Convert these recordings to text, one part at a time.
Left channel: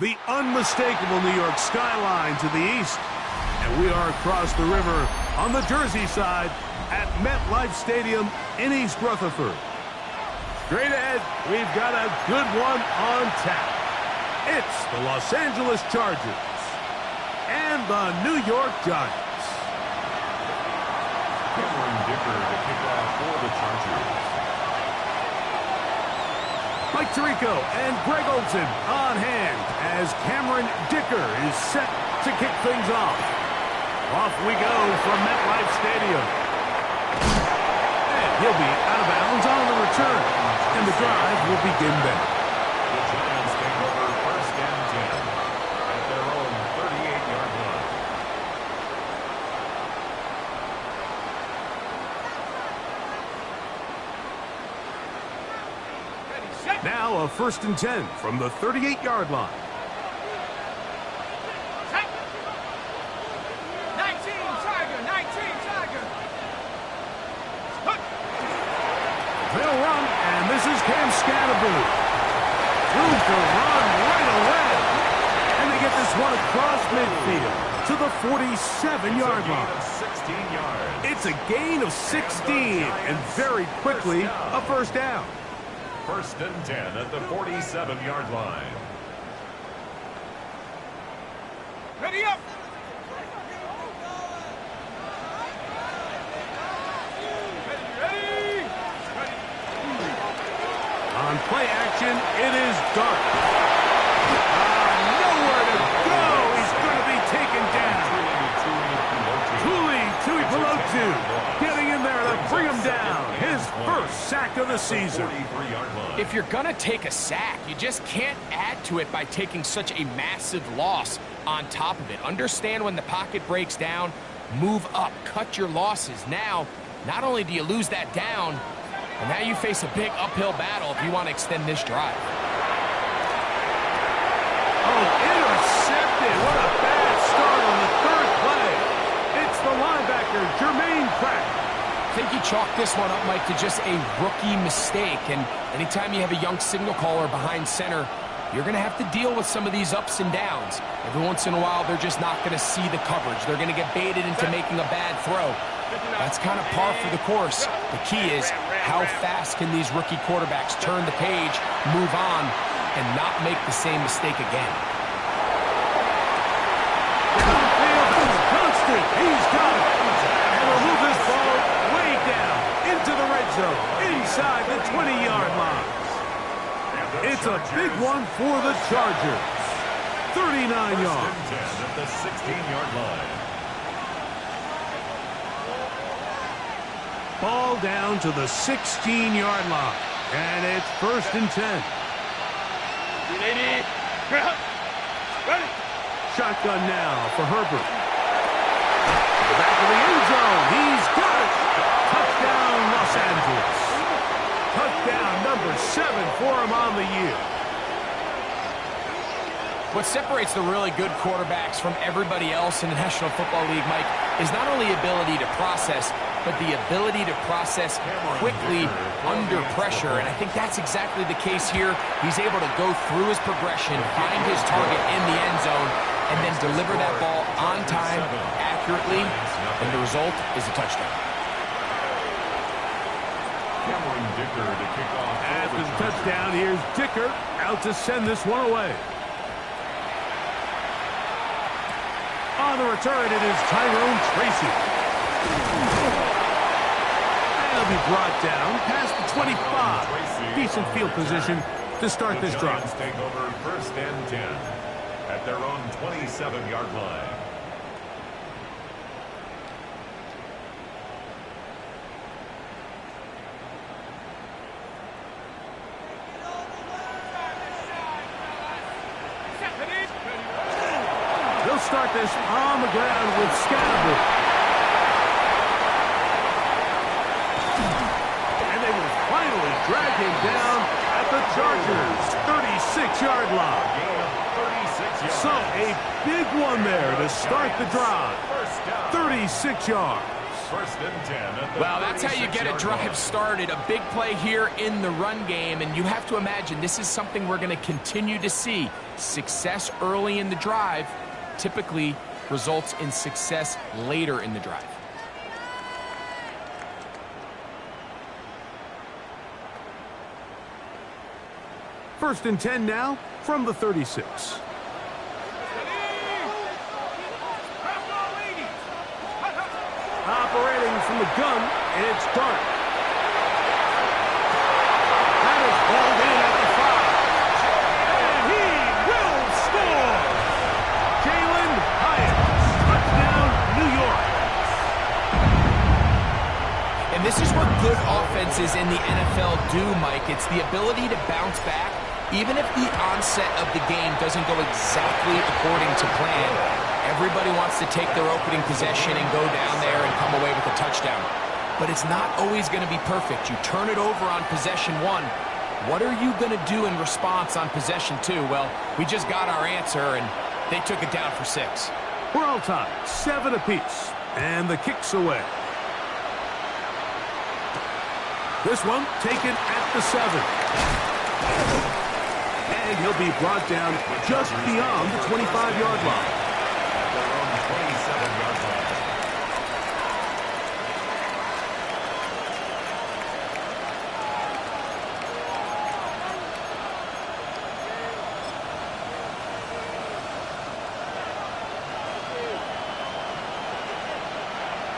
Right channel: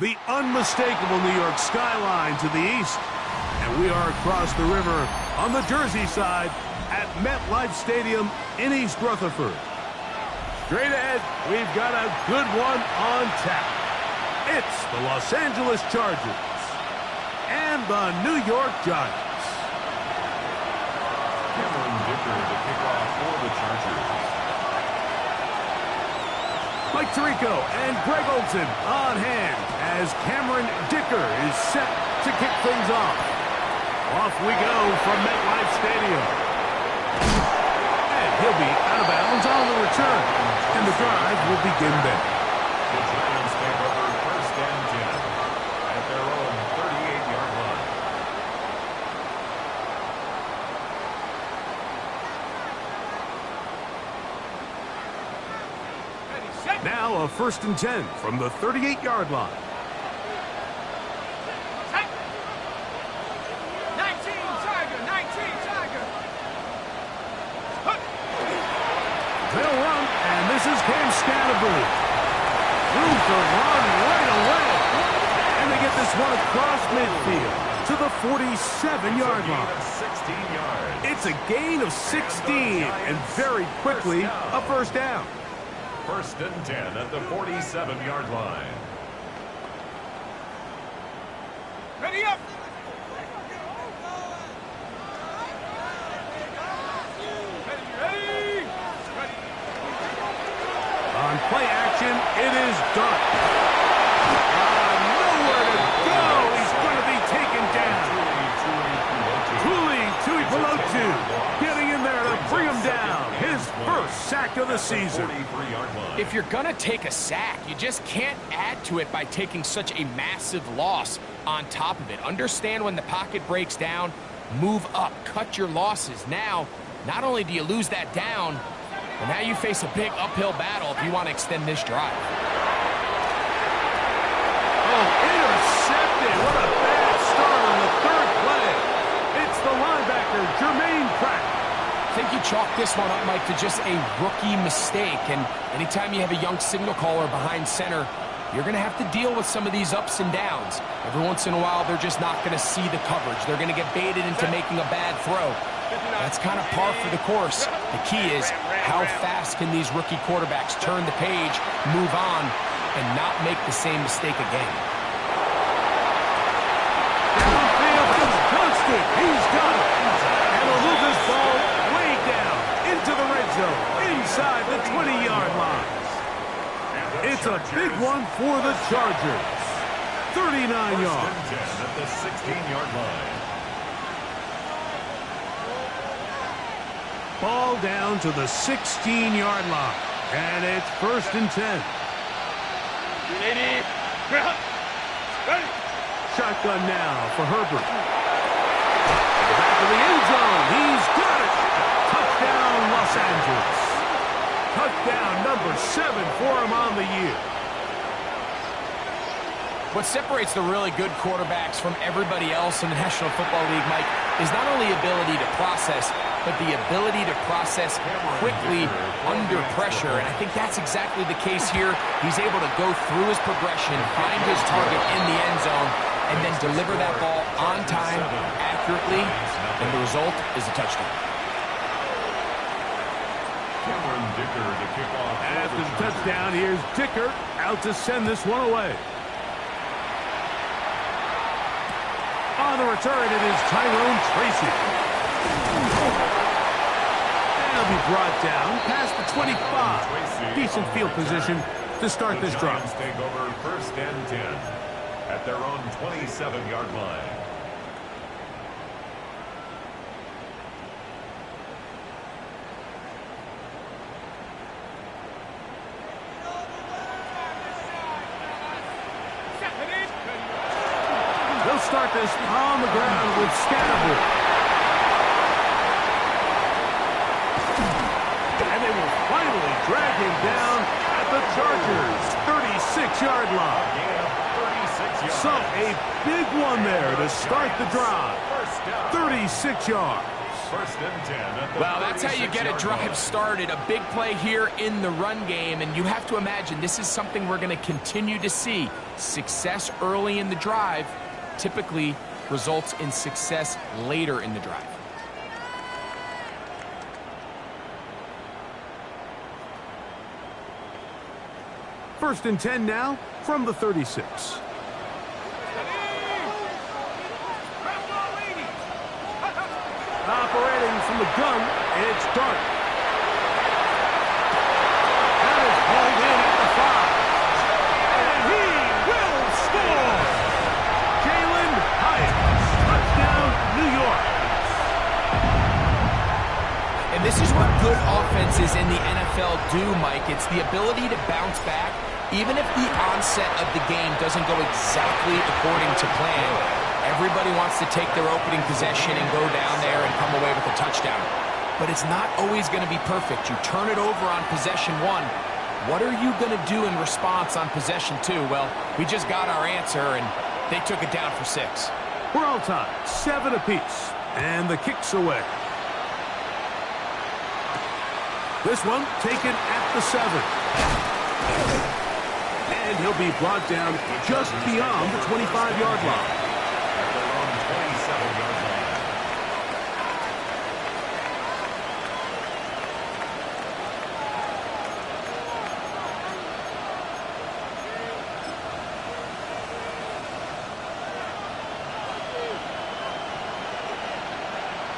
The unmistakable New York skyline to the east. And we are across the river on the Jersey side at MetLife Stadium in East Rutherford. Straight ahead, we've got a good one on tap. It's the Los Angeles Chargers and the New York Giants. Cameron Dicker to kick off for the Chargers. Mike Tirico and Greg Olsen on hand as Cameron Dicker is set to kick things off. Off we go from MetLife Stadium. And he'll be out of bounds on the return. And the drive will begin then. The Giants take over first and 10 at their own 38-yard line. Now a first and 10 from the 38-yard line. 19 Tiger. They'll run, and this is Cam Scatterboo. Room to run right away. And they get this one across midfield to the 47-yard line. 16 yards. It's a gain of 16, and very quickly a first down. First and 10 at the 47-yard line. Ready up. Ready. On play action, it is Dart. Nowhere to go. He's going to be taken down. Tuli Tuipulotu getting in there to bring him down. His first sack of the season. If you're going to take a sack, you just can't add to it by taking such a massive loss on top of it. Understand when the pocket breaks down, move up, cut your losses. Now, not only do you lose that down, but now you face a big uphill battle if you want to extend this drive. Oh, intercepted. What a bad start on the third play. It's the linebacker, Jermaine Pratt. I think you chalk this one up, Mike, to just a rookie mistake. And anytime you have a young signal caller behind center, you're going to have to deal with some of these ups and downs. Every once in a while, they're just not going to see the coverage. They're going to get baited into making a bad throw. That's kind of par for the course. The key is how fast can these rookie quarterbacks turn the page, move on, and not make the same mistake again. Downfield, that's Constant. He's got it. And he'll move this ball way down into the red zone, inside the 20-yard line. It's a big one for the Chargers. 39 yards. First and 10 at the 16-yard line. Ball down to the 16-yard line. And it's first and 10. Ready. Shotgun now for Herbert. To the back of the end zone. He's got it. Touchdown, Los Angeles. Touchdown number 7 for him on the year. What separates the really good quarterbacks from everybody else in the National Football League, Mike, is not only ability to process, but the ability to process quickly under pressure. And I think that's exactly the case here. He's able to go through his progression, find his target in the end zone, and then deliver that ball on time, accurately, and the result is a touchdown. Cameron Dicker to kick off. After the touchdown, here's Dicker out to send this one away. On the return, it is Tyrone Tracy. And he'll be brought down past the 25. Decent field position to start this drive. The Giants take over first and 10 at their own 27-yard line. They'll start this on the ground with Scatterboo. And they will finally drag him down at the Chargers' 36-yard line. Gain of 36 yards. So a big one there to start the drive. 36 yards. first and 10 at the Well, that's how you get a 36-yard drive line. started. A big play here in the run game, and you have to imagine this is something we're going to continue to see. Success early in the drive typically results in success later in the drive. First and 10 now from the 36. Operating from the gun, it's Dart. That is hauled in at the 5. And he will score! Jalen Hyatt, touchdown, New York. And this is what good offenses in the NFL do, Mike. It's the ability to bounce back, even if the onset of the game doesn't go exactly according to plan. Everybody wants to take their opening possession and go down there and come away with a touchdown. But it's not always going to be perfect. You turn it over on possession 1. What are you going to do in response on possession 2? Well, we just got our answer, and they took it down for 6. We're all tied, 7 apiece, and the kick's away. This one taken at the 7. And he'll be brought down just beyond the 25-yard line. At their own 27-yard line.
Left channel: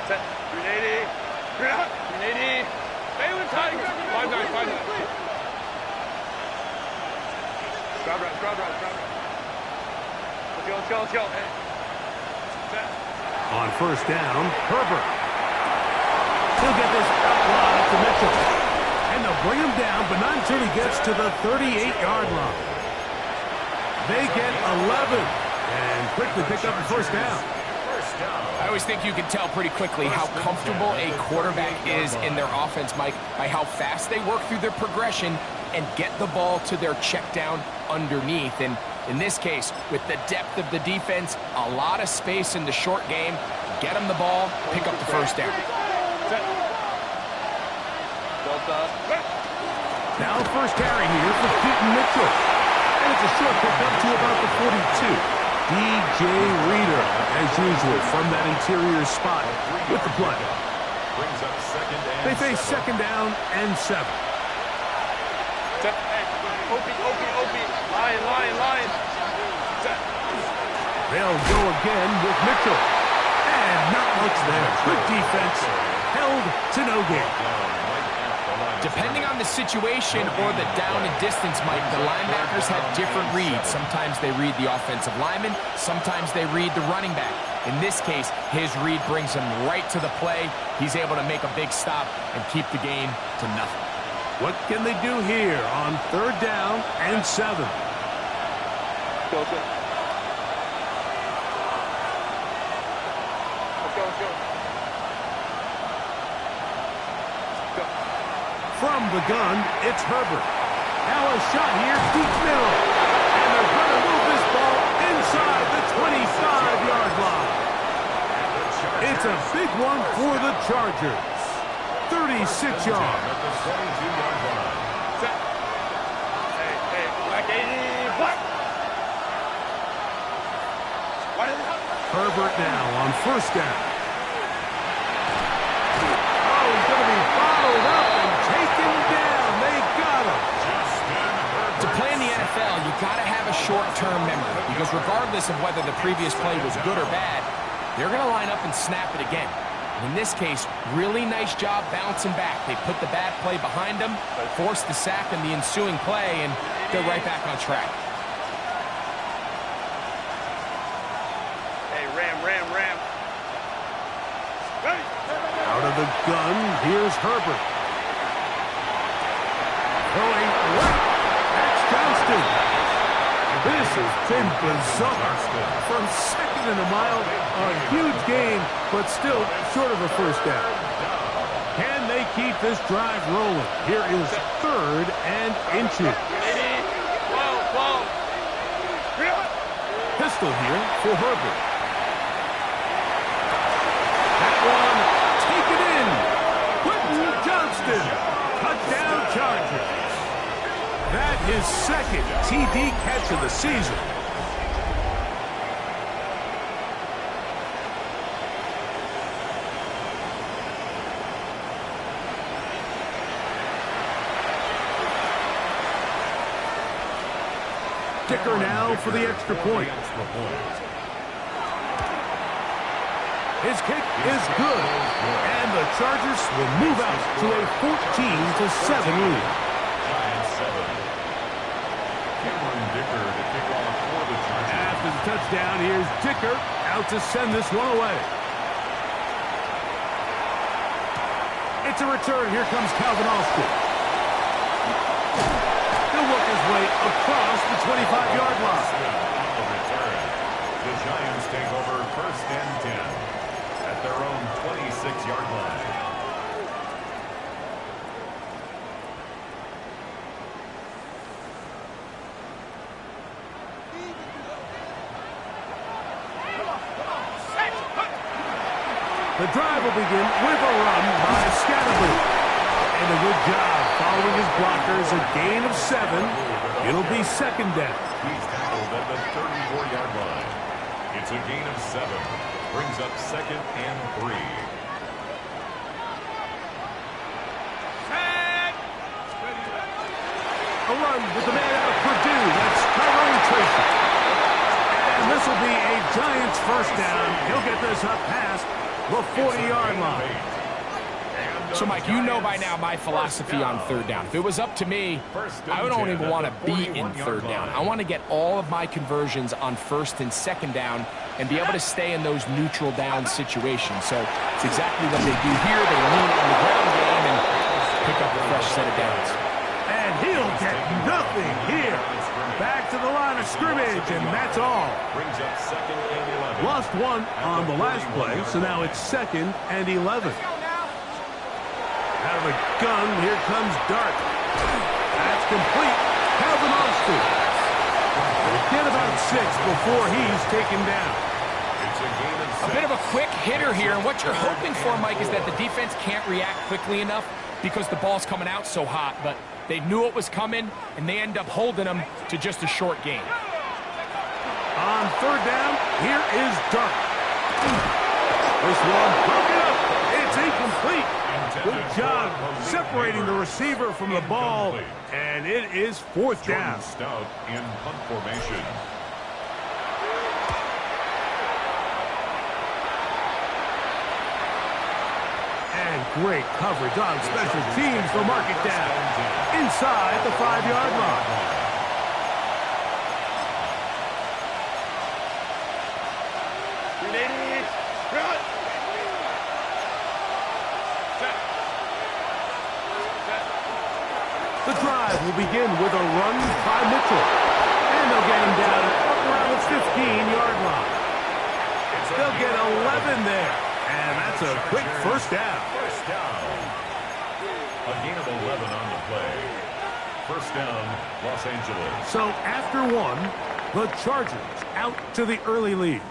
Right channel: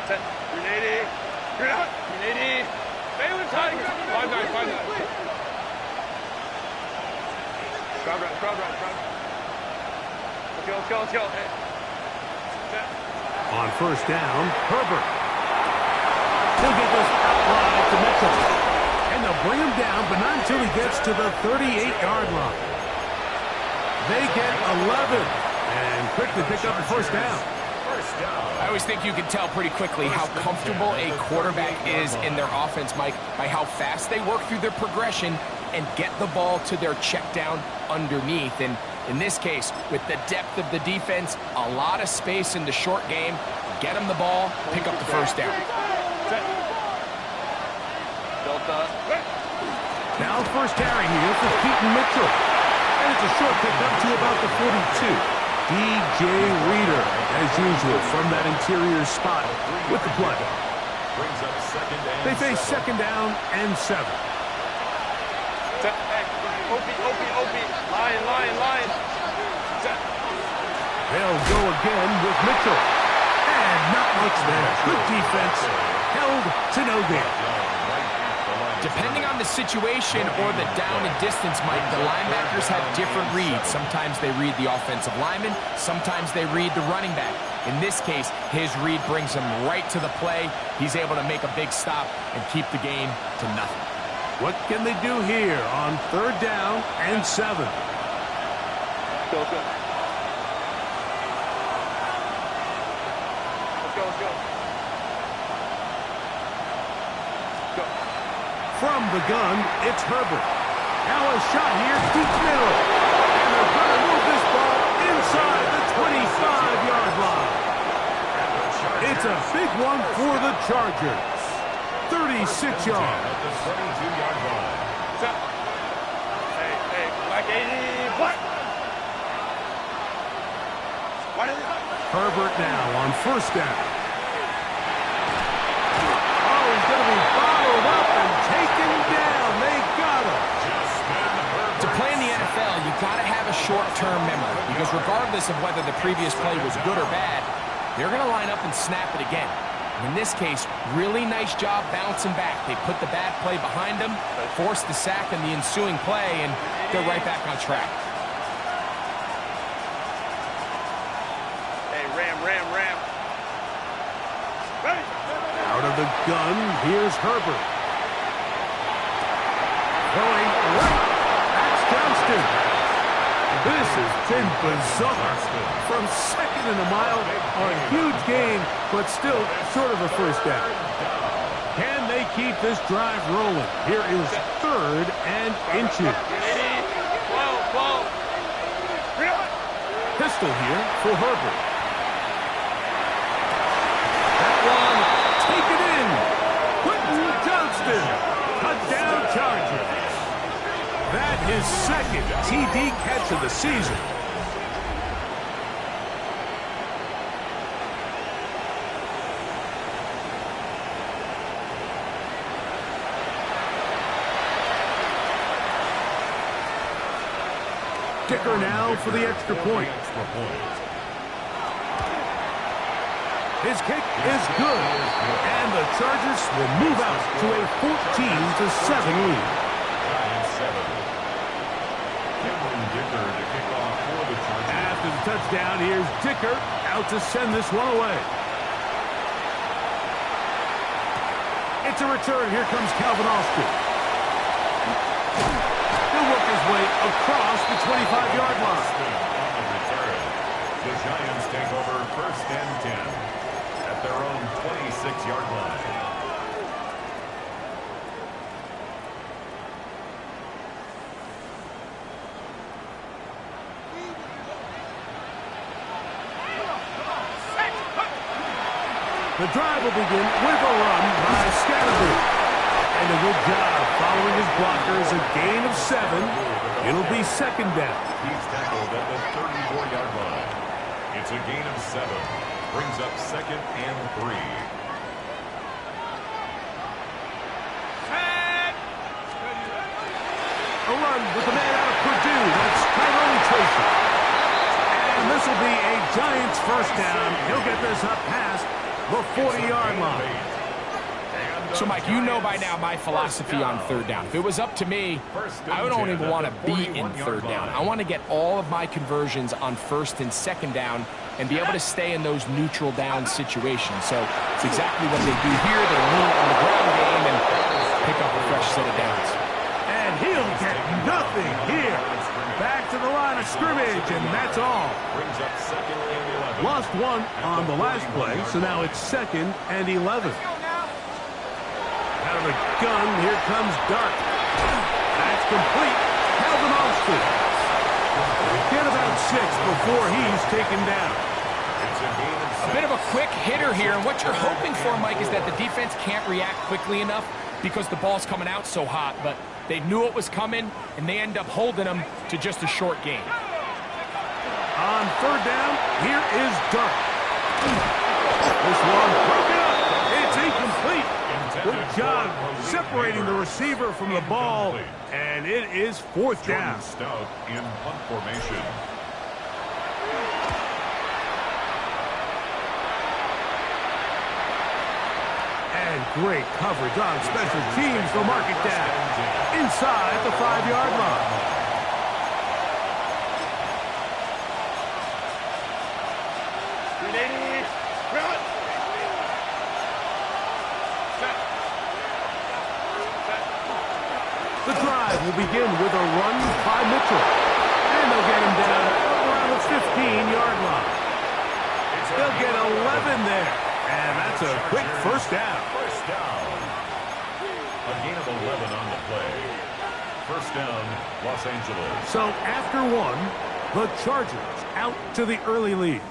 Set. 380. 380. Balin Tiger. 5-9. Crowd right. Let's go. Hey. Set. On first down, Herbert. He'll get this out wide to Mitchell. And they'll bring him down, but not until he gets to the 38-yard line. They get 11 and quickly pick up the first down. First down. I always think you can tell pretty quickly how comfortable a quarterback is in their offense, Mike, by how fast they work through their progression and get the ball to their check down underneath. And in this case, with the depth of the defense, a lot of space in the short game, get them the ball, pick up the first down. Delta. Now first carry here for Keaton Mitchell. And it's a short pickup to about the 42. DJ Reader, as usual, from that interior spot with the play. Brings up second and They face 7. second down and 7. Hey, OP. Line. Set. They'll go again with Mitchell. And not much there. Good defense. Held to no gain. Depending on the situation or the down and distance, Mike, the linebackers have different reads. Sometimes they read the offensive lineman. Sometimes they read the running back. In this case, his read brings him right to the play. He's able to make a big stop and keep the game to nothing. What can they do here on third down and 7? Go. Let's go. From the gun, it's Herbert. Now a shot here, deep middle. And they're going to move this ball inside the 25-yard line. It's a big one for the Chargers. 36 yards. At the 22-yard line. Set. Hey, black 80, black. What is it? Herbert now on first down. Oh, he's going to be bottled up and taken down. They got him. To play in the NFL, you got to have a short-term memory because regardless of whether the previous play was good or bad, they're going to line up and snap it again. And in this case, really nice job bouncing back. They put the bad play behind them, forced the sack in the ensuing play, and they're right back on track. Hey, ram. Ready. Out of the gun, here's Herbert. Throwing right. That's Johnston. This has been bizarre. From second and a mile, a huge gain, but still short of a first down. Can they keep this drive rolling? Here is third and inches. 12. Pistol here for Herbert. That one taken in. Quentin Johnston. Touchdown Chargers. That his second TD catch of the season. Dicker now for the extra point. His kick is good, and the Chargers will move out to a 14-7 lead. Giants 7. Cameron Dicker to kick off for the Chargers. After the touchdown, here's Dicker out to send this one away. It's a return. Here comes Calvin Austin. He'll work his way across the 25-yard line. On the return, the Giants take over 1st and 10 at their own 26-yard line. The drive will begin with a run by Scatterby. And a good job following his blockers, a gain of 7. It'll be 2nd down. He's tackled at the 34-yard line. It's a gain of 7. Brings up 2nd and 3. A run with the man out of Purdue. That's Tyrone Tracy. And this will be a Giants 1st down. He'll get this up past the 40-yard line. So, Mike, you know by now my philosophy on 3rd down. If it was up to me, I don't even want to be in 3rd down. I want to get all of my conversions on 1st and 2nd down and be able to stay in those neutral down situations. So it's exactly what they do here. They lean on the ground game and pick up a fresh set of downs. And he'll get nothing here. Back to the line of scrimmage, and that's all. Brings up 2nd and 11. Lost one on the last play, so now it's 2nd and 11. Out of the gun, here comes Dart. That's complete. Calvin Austin. Get about 6 before he's taken down. It's a gain of 6. A bit of a quick hitter here, and what you're hoping for, Mike, is that the defense can't react quickly enough because the ball's coming out so hot, but they knew it was coming, and they end up holding them to just a short gain. On 3rd down, here is Dart. This one broken up. It's incomplete. Good job separating the receiver from the ball, and it is 4th down. Jordan Stout in punt formation. And great coverage on special teams. They'll mark it down inside the 5-yard line. The drive will begin with a run by Mitchell. And they'll get him down up around the 15-yard line. They'll get 11 there. And that's a quick 1st down. 1st down. A gain of 11 on the play. 1st down, Los Angeles. So after 1, the Chargers out to the early lead.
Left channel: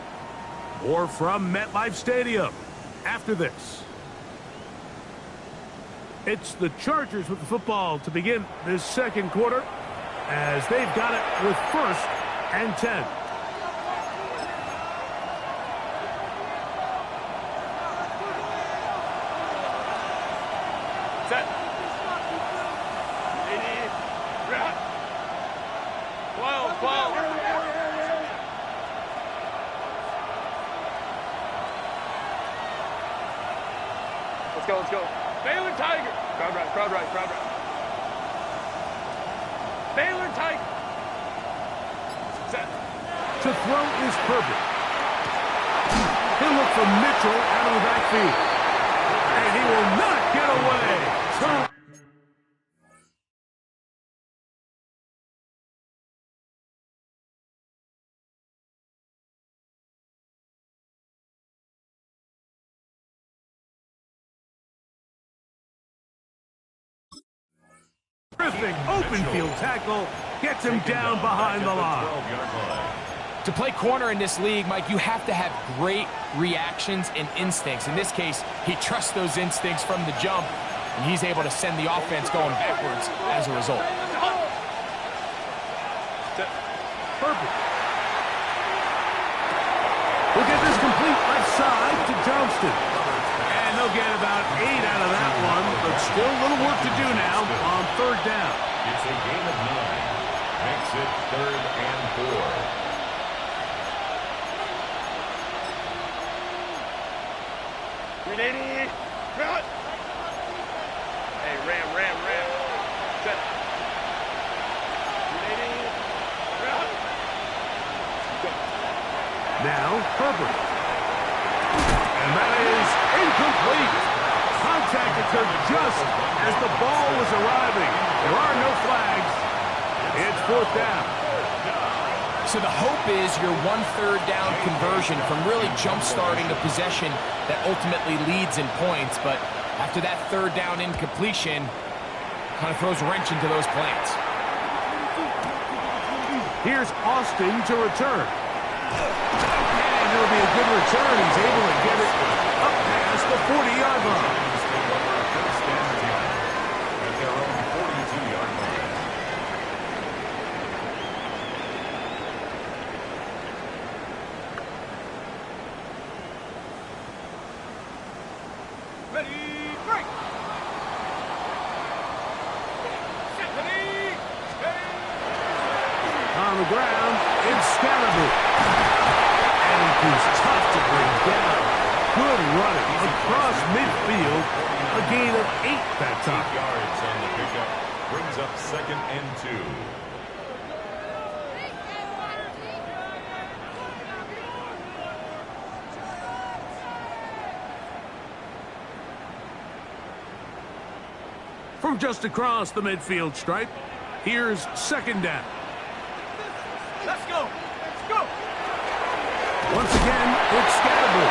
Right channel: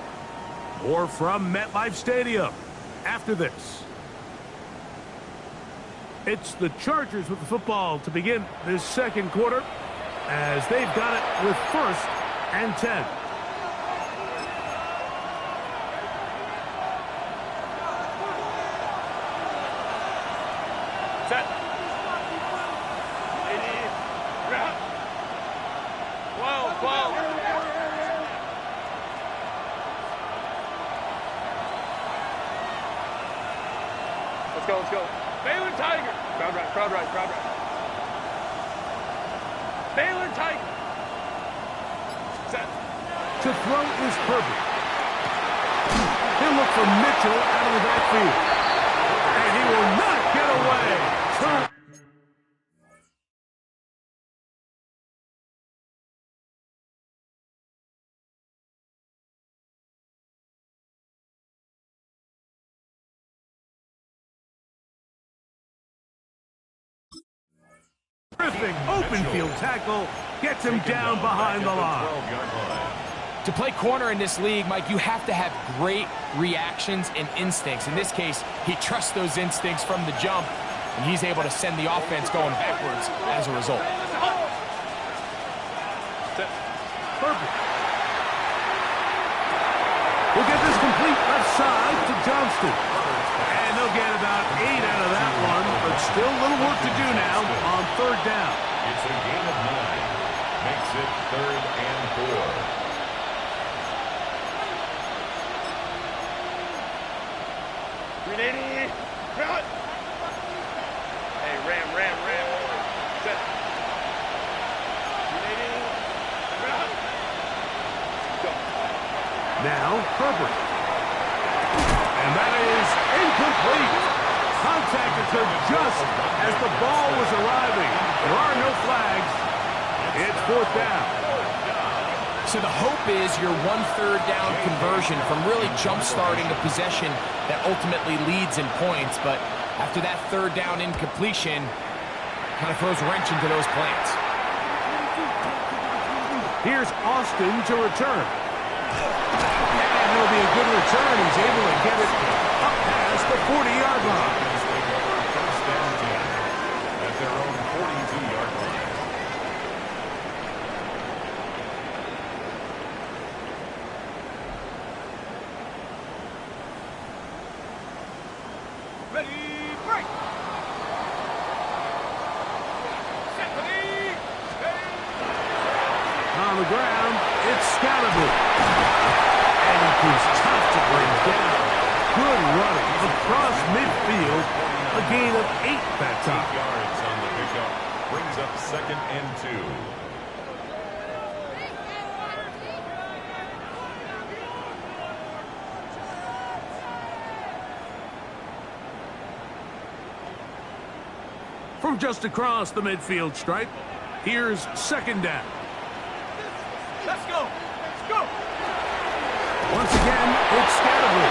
More from MetLife Stadium after this. It's the Chargers with the football to begin this 2nd quarter as they've got it with 1st and 10. Set. 80. 12. Let's go. Baylor Tiger. Crowd right. Baylor Tiger. Set. To throw is Herbert. He'll look for Mitchell out of the backfield. And he will not get away. Terrific open field tackle gets him down behind the line. To play corner in this league, Mike, you have to have great reactions and instincts. In this case, he trusts those instincts from the jump, and he's able to send the offense going backwards as a result. Perfect. We'll get this complete left side to Johnston. And they'll get about 8 out of that one, but still a little work to do now on third down. It's a gain of 9. Makes it 3rd and 4. 380. Cut. Hey, ram. Set. 380. Cut. Go. Now, Herbert. And that is incomplete. Contact occurred just as the ball was arriving. There are no flags. It's 4th down. So the hope is your 1/3 down conversion from really jump-starting a possession that ultimately leads in points. But after that 3rd down incompletion, kind of throws a wrench into those plans. Here's Austin to return. And it'll be a good return. He's able to get it up past the 40-yard line. Giants take over 1st and 10 at their own 42-yard line. Ready, break. Set, ready, steady. On the ground, it's Scalaboo. And he proves tough to bring down. Good running across midfield. A gain of 8 that 8 time. yards on the pickup. Brings up 2nd and 2. From just across the midfield stripe, here's 2nd down. Let's go. Let's go. Once again, it's Scalaboo.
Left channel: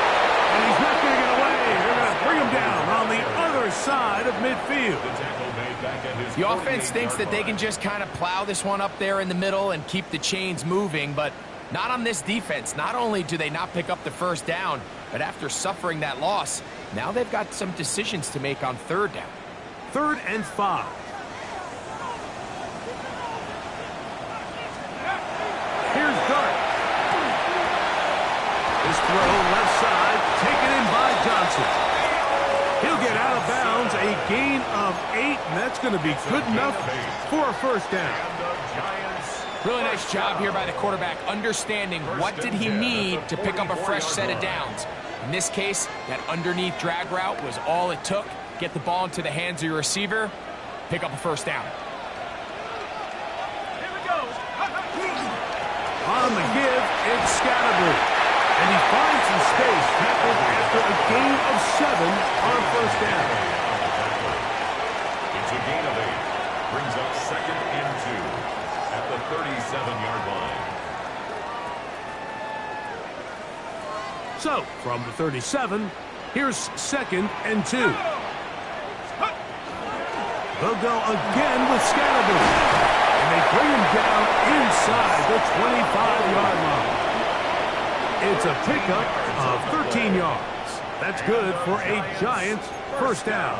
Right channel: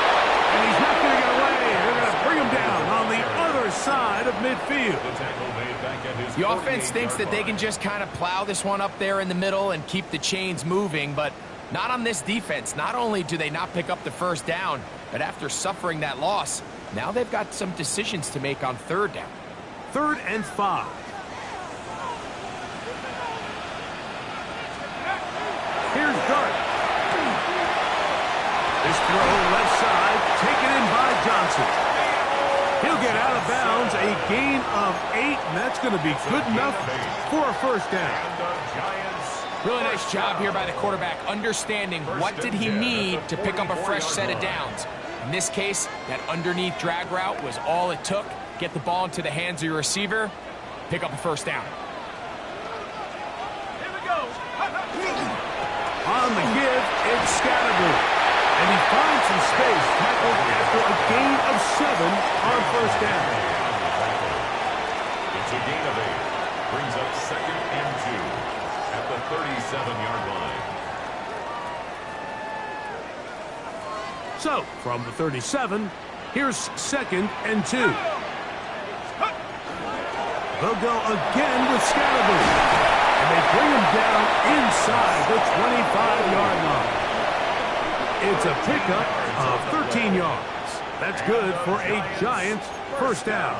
And he's not going to get away. They're going to bring him down on the other side of midfield. The tackle made back at his The offense thinks 48-yard that they line. can just kind of plow this one up there in the middle and keep the chains moving, but not on this defense. Not only do they not pick up the 1st down, but after suffering that loss, now they've got some decisions to make on 3rd down. 3rd and 5. Here's Dart. This throw left side, taken in by Johnson. He'll get out of bounds, a gain of 8, and that's going to be good enough for a 1st down. And the Giants. Really nice job here by the quarterback, understanding what did he need to pick up a fresh set of downs. In this case, that underneath drag route was all it took. Get the ball into the hands of your receiver, pick up a 1st down. Here we go. On the give, it's Scalaboo. And he finds some space, tackled after a gain of 7 on 1st down. On the tackle. It's a gain of 8. Brings up 2nd and 2 at the 37-yard line. So, from the 37, here's 2nd and 2. They'll go again with Scalaboo. And they bring him down inside the 25-yard line. It's a pickup of 13 yards. That's good for a Giants 1st down.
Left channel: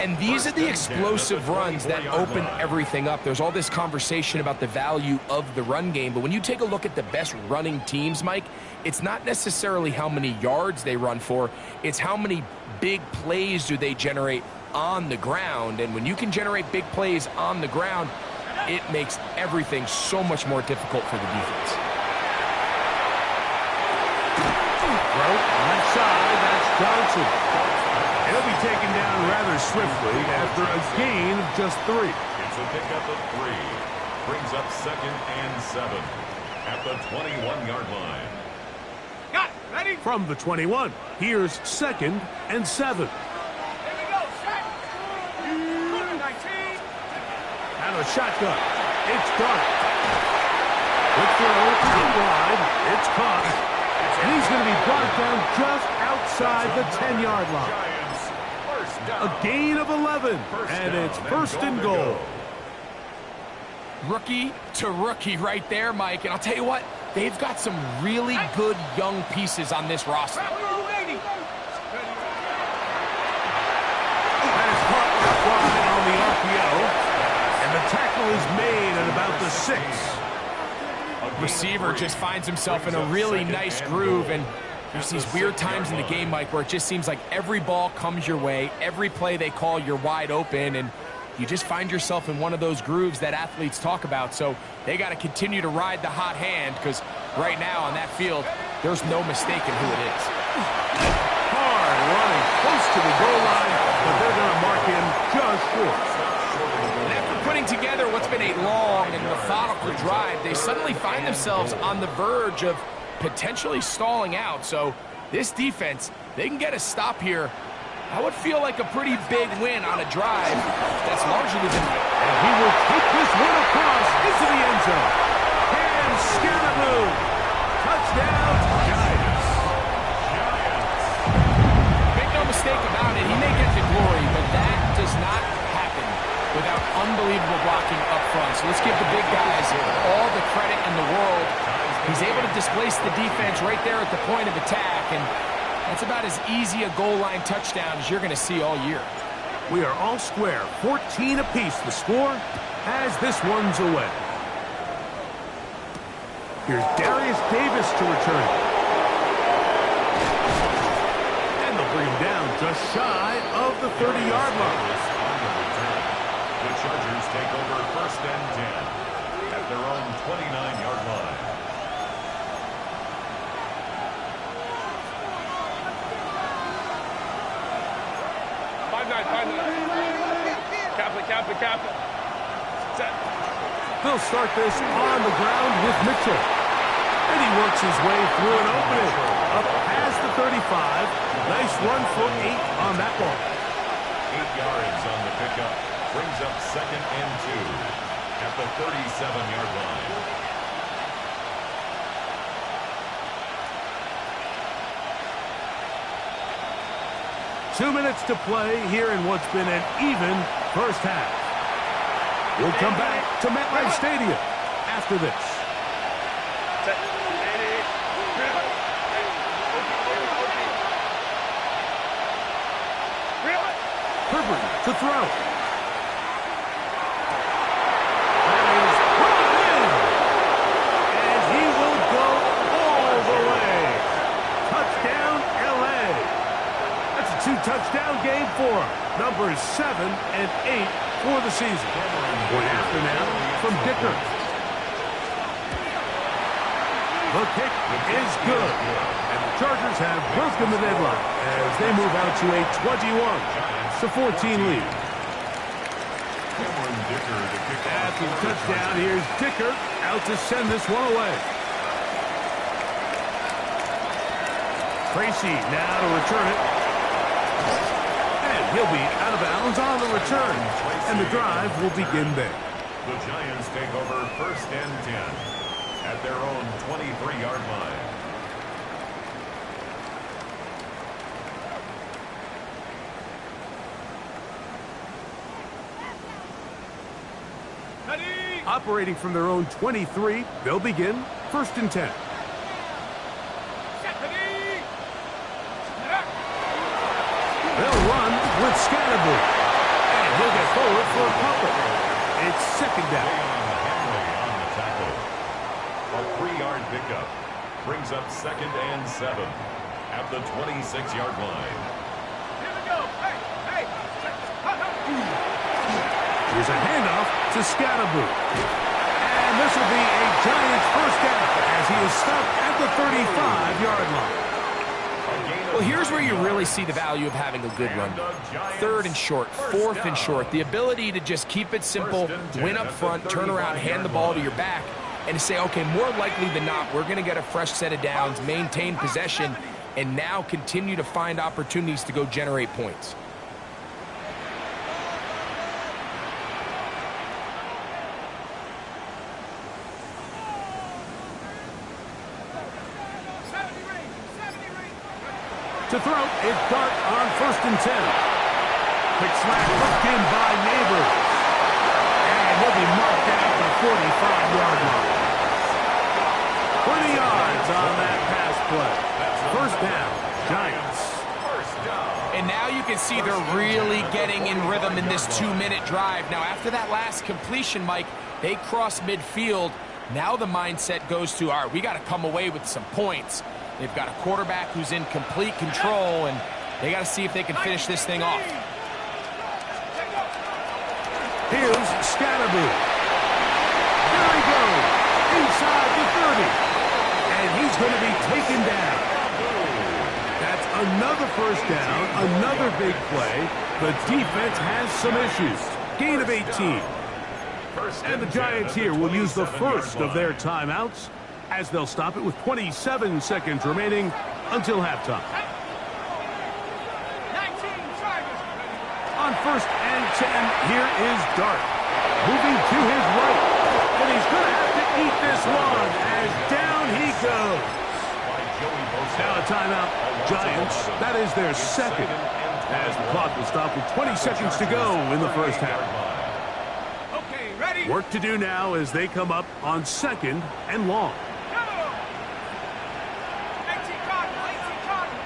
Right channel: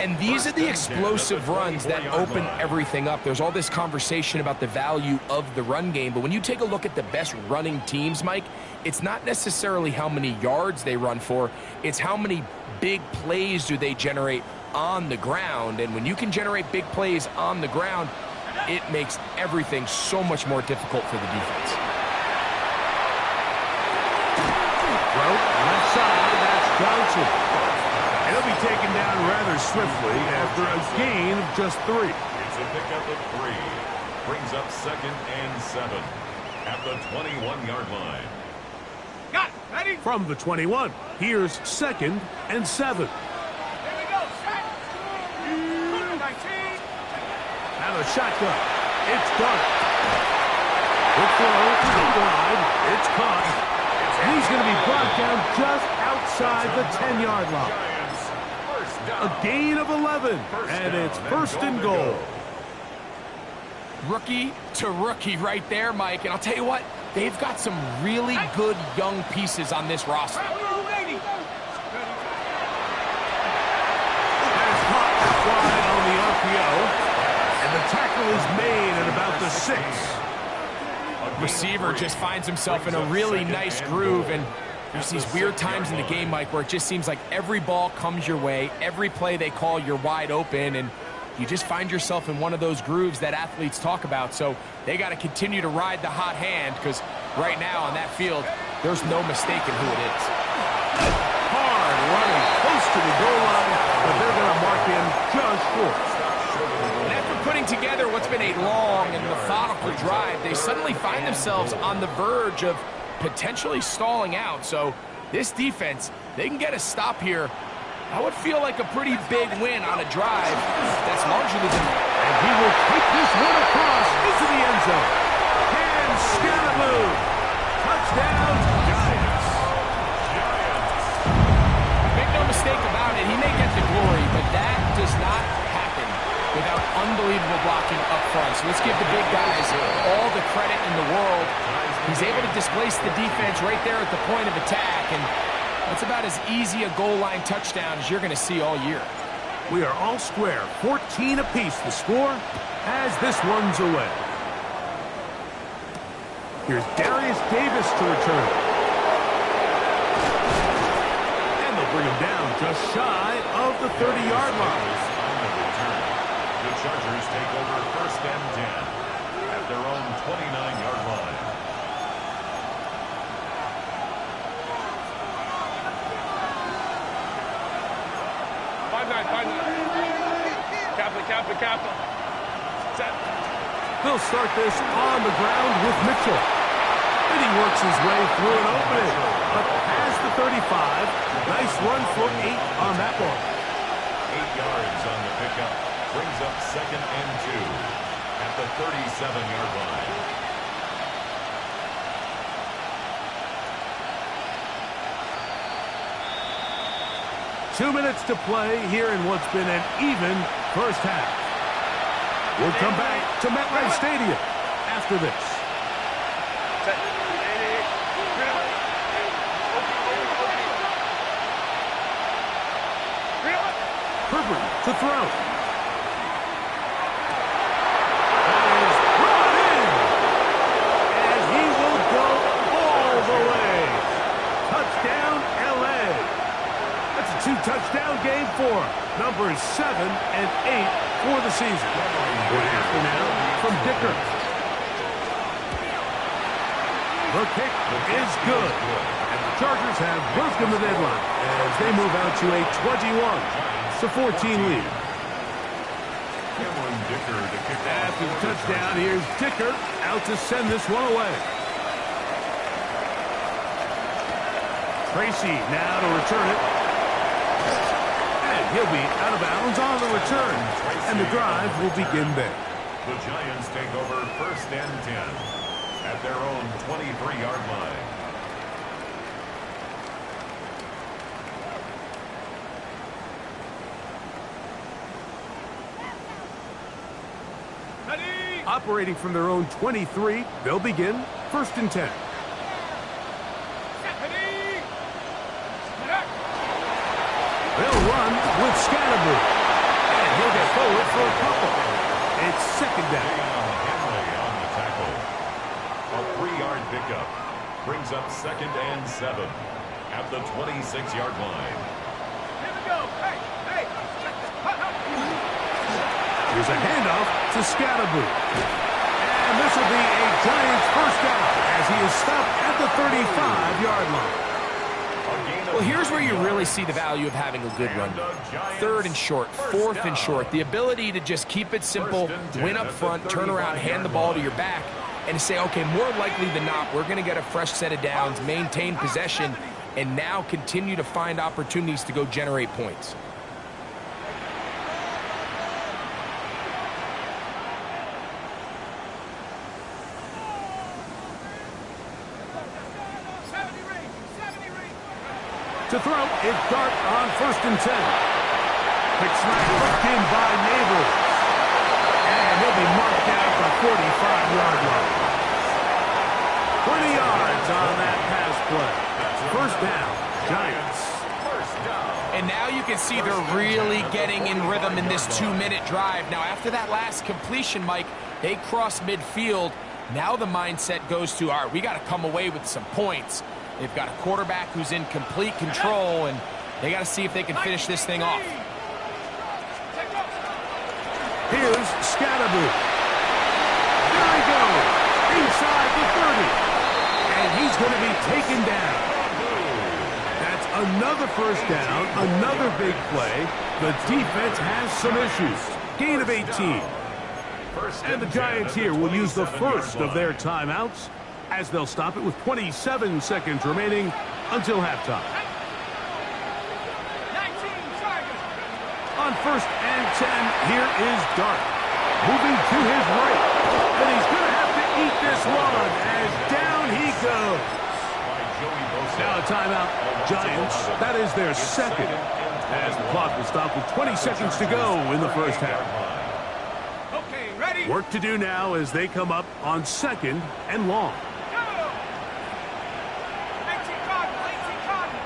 And these are the explosive runs that open everything up. There's all this conversation about the value of the run game, but when you take a look at the best running teams, Mike, it's not necessarily how many yards they run for, it's how many big plays do they generate on the ground. And when you can generate big plays on the ground, it makes everything so much more difficult for the defense. Throw left side, that's Johnson. And he'll be taken down rather swiftly after a gain of just 3. It's a pickup of 3. Brings up 2nd and 7 at the 21-yard line. Got it. Ready? From the 21, here's 2nd and 7. Here we go. Set. 19. Out of the shotgun, it's Dart. Quick throw, out wide, it's caught. And he's going to be brought down just outside the 10-yard line. Giants, 1st down. A gain of 11, and it's 1st and goal. Rookie to rookie right there, Mike. And I'll tell you what, they've got some really good young pieces on this roster. That is caught out wide on the RPO. And the tackle is made at about the 6. Receiver just finds himself in a really nice groove, and there's these weird times in the game, Mike, where it just seems like every ball comes your way, every play they call, you're wide open, and you just find yourself in one of those grooves that athletes talk about. So they got to continue to ride the hot hand, because right now on that field, there's no mistaking who it is. Hard running close to the goal line, but they're going to mark him just short. And after putting together what's been a long and methodical drive, they suddenly find themselves on the verge of potentially stalling out. So this defense, they can get a stop here. That would feel like a pretty big win on a drive that's largely been... And he will take this one across into the end zone. And Scalaboo. Touchdown, Giants. Make no mistake about it, he may get the glory, but that does not happen without unbelievable blocking up front. So let's give the big guys all the credit in the world. He's able to displace the defense right there at the point of attack, and that's about as easy a goal line touchdown as you're going to see all year. We are all square, 14 apiece the score as this one's away. Here's Darius Davis to return it. And they'll bring him down just shy of the 30-yard line. The Chargers take over 1st and 10 at their own 29-yard line. Capital. Set. They'll start this on the ground with Mitchell. And he works his way through an opening. Up past the 35. Nice run for 8 on that one. 8 yards on the pickup. Brings up 2nd and 2 at the 37-yard line. Two minutes to play here in what's been an even first half. We'll come back to MetLife Stadium after this. Herbert to throw. That is brought in. And he will go all the way. Touchdown, L.A. That's a 2-touchdown game for him. Numbers 7 and 8 for the season. One after now from Dicker. The kick is good. And the Chargers have broken the deadline as they move out to a 21-14 lead. Cameron Dicker to kick off. After the touchdown, here's Dicker out to send this one away. Tracy now to return it. And he'll be out of bounds on the return. And the drive will begin there. The Giants take over 1st and 10 at their own 23-yard line. Operating from their own 23, they'll begin 1st and 10. They'll run with Scalaboo. And he'll get forward for a couple. It's 2nd down. Henley on the tackle. A 3-yard pickup. Brings up 2nd and 7 at the 26-yard line. Here we go. Hey. Check this. Here's a handoff to Scalaboo. And this will be a Giants first down as he is stopped at the 35-yard line. Well, here's where you really see the value of having a good run. 3rd and short, 4th and short. The ability to just keep it simple, win up front, turn around, hand the ball to your back, and to say, okay, more likely than not, we're going to get a fresh set of downs, maintain possession, and now continue to find opportunities to go generate points. To throw, it's Dart on 1st and 10. Quick snap hooked in by Neighbors. And he'll be marked down at the 45-yard line. 20 yards on that pass play. First down, Giants. First down. And now you can see they're really getting in rhythm in this 2-minute drive. Now, after that last completion, Mike, they cross midfield. Now the mindset goes to, all right, we got to come away with some points. They've got a quarterback who's in complete control, and they got to see if they can finish this thing off. Here's Scatterboot. There he goes, inside the 30. And he's going to be taken down. That's another first down, another big play. The defense has some issues. Gain of 18. And the Giants here will use the first of their timeouts as they'll stop it with 27 seconds remaining until halftime. On first and 10, here is Dart. Moving to his right. And he's going to have to eat this one as down he goes. Now a timeout, Giants. That is their second. As the clock will stop with 20 seconds to go in the first half. Okay, ready? Work to do now as they come up on second and long. Go! 18 Cardinal, 18 Cardinal.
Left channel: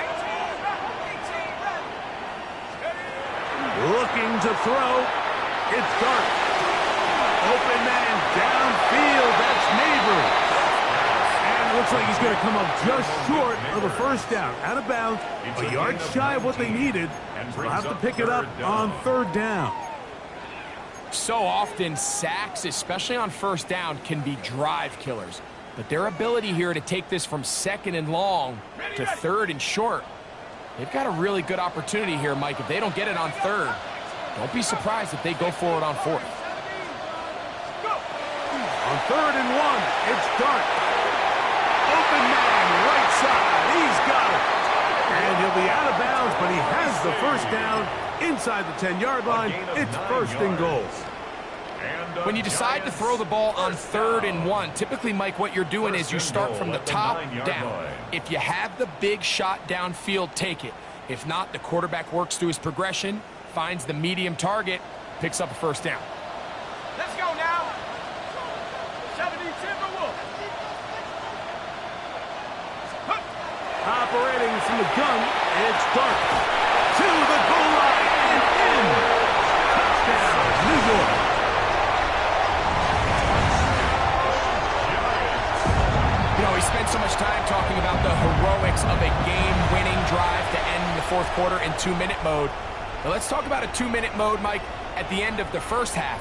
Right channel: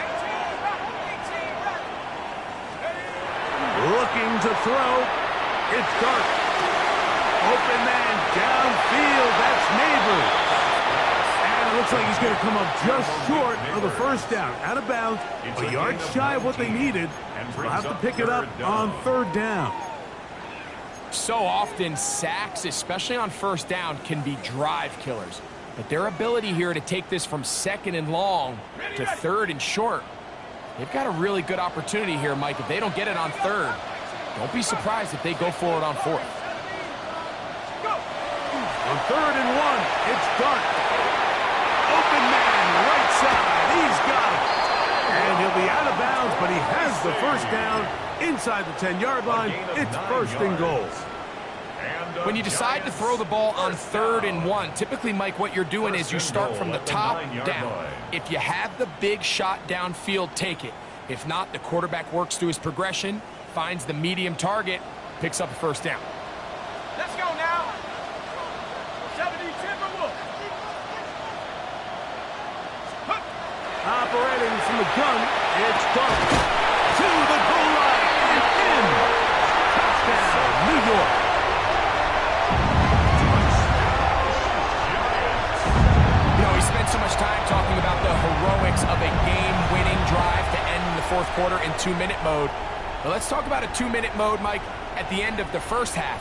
18 ready. Looking to throw. It's Dart. Open man downfield. That's Neighbors. And it looks like he's going to come up just short of the first down. Out of bounds. A yard shy of what they needed. So they'll have to pick it up on third down. So often, sacks, especially on first down, can be drive killers. But their ability here to take this from second and long to third and short, they've got a really good opportunity here, Mike. If they don't get it on third, don't be surprised if they go for it on fourth. On third and one, it's Dart. Open man, right side. He's got it. And he'll be out of bounds, but he has the first down inside the 10-yard line. It's first and goal. When you decide to throw the ball on third and one, typically, Mike, what you're doing is you start from the top down. If you have the big shot downfield, take it. If not, the quarterback works through his progression, finds the medium target, picks up a first down. Let's go now. 70 Timberwolves. Operating from the gun, it's Dart. To the goal line and in. Touchdown, New York. You know, he spent so much time talking about the heroics of a game-winning drive to end the fourth quarter in 2-minute mode. But let's talk about a 2-minute mode, Mike, at the end of the first half.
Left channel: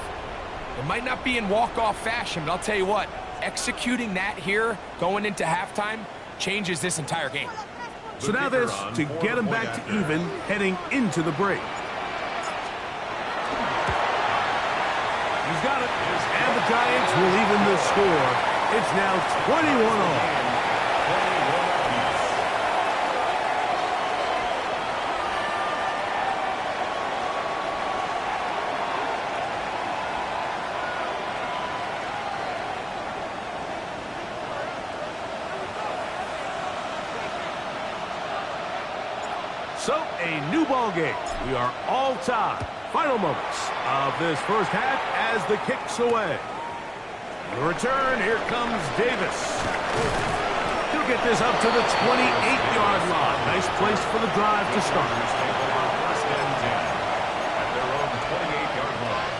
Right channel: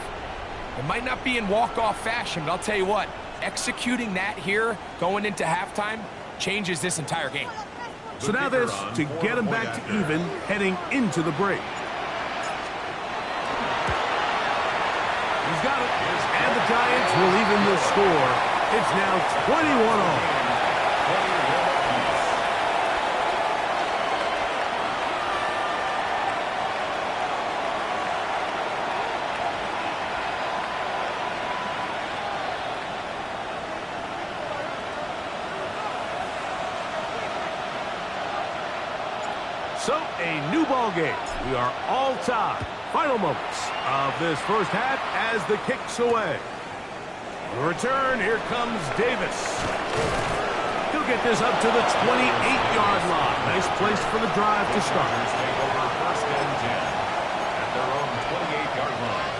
It might not be in walk-off fashion, but I'll tell you what, executing that here, going into halftime, changes this entire game. So now this to get them back to even heading into the break. He's got it. And the Giants will even the score. It's now 21 all. So, a new ball game. We are all tied. Final moments of this first half as the kick's away. On the return, here comes Davis. He'll get this up to the 28-yard line. Nice place for the drive to start. Take over first and 10 at their own 28-yard line.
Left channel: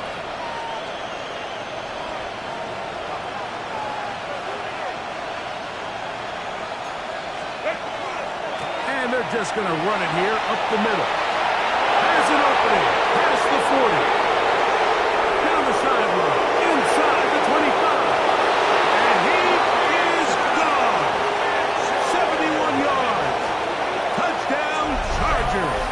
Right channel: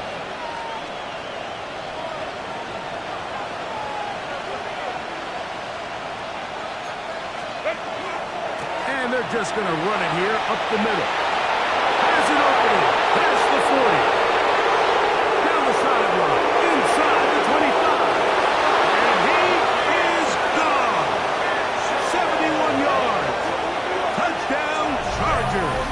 And they're just going to run it here up the middle. Has an opening. Past the 40. Down the sideline. Inside the 25. And he is gone. 71 yards. Touchdown, Chargers.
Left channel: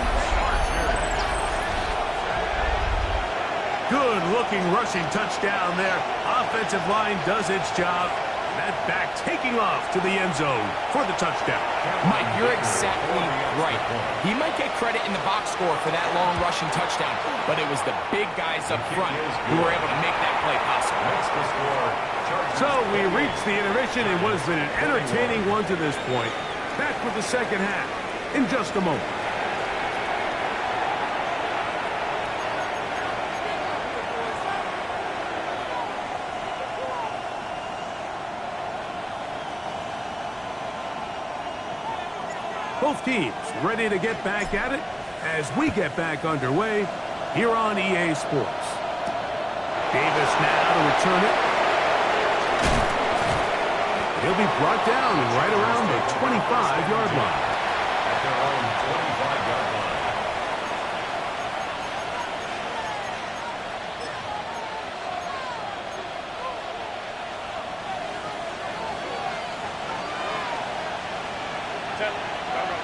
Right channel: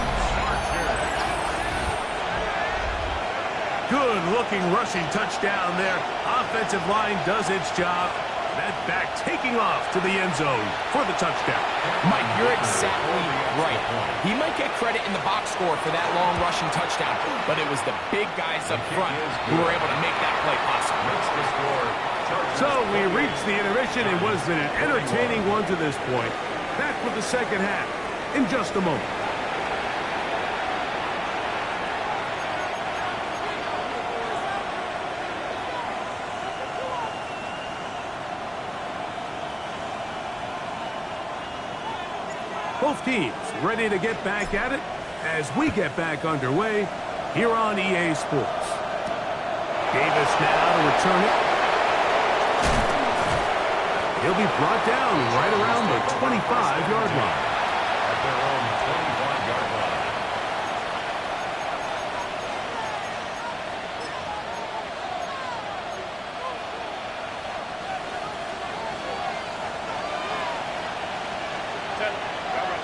Good-looking rushing touchdown there. Offensive line does its job. That back taking off to the end zone for the touchdown. Mike, you're exactly right. He might get credit in the box score for that long rushing touchdown, but it was the big guys up front who were able to make that play possible. So we reached the intermission in what has been an entertaining one to this point. Back with the second half in just a moment. Both teams ready to get back at it as we get back underway here on EA Sports. Davis now to return it. He'll be brought down right around the 25-yard line. At their own 25-yard line.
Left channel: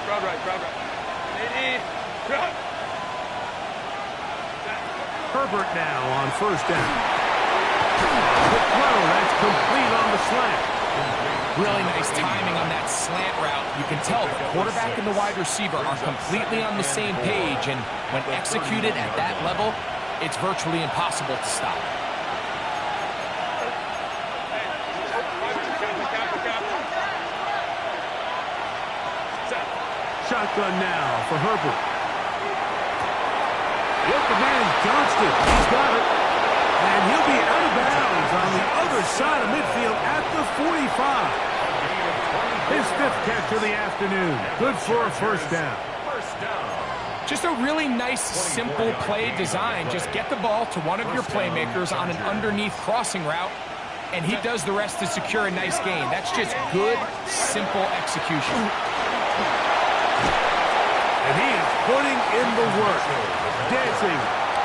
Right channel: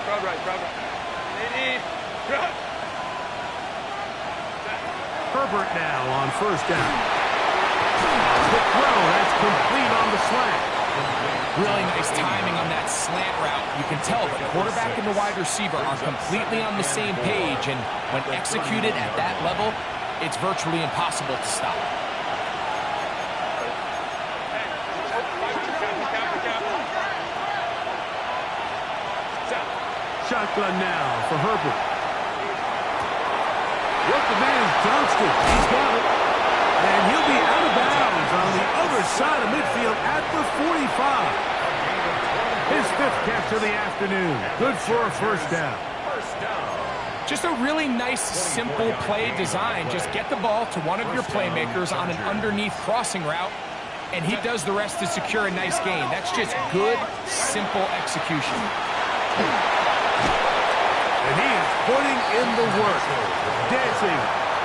Crowd right. Herbert now on first down. Quick throw, that's complete on the slant. Really nice timing on that slant route. You can tell the quarterback and the wide receiver are completely on the same page, and when executed at that level, it's virtually impossible to stop. Shotgun now for Herbert. The open man is Johnston. He's got it. And he'll be out of bounds on the other side of midfield at the 45. His fifth catch of the afternoon. Good for a first down. Just a really nice, simple play design. Just get the ball to one of your playmakers on an underneath crossing route, and he does the rest to secure a nice gain. That's just good, simple execution. And he is putting in the work. Dancing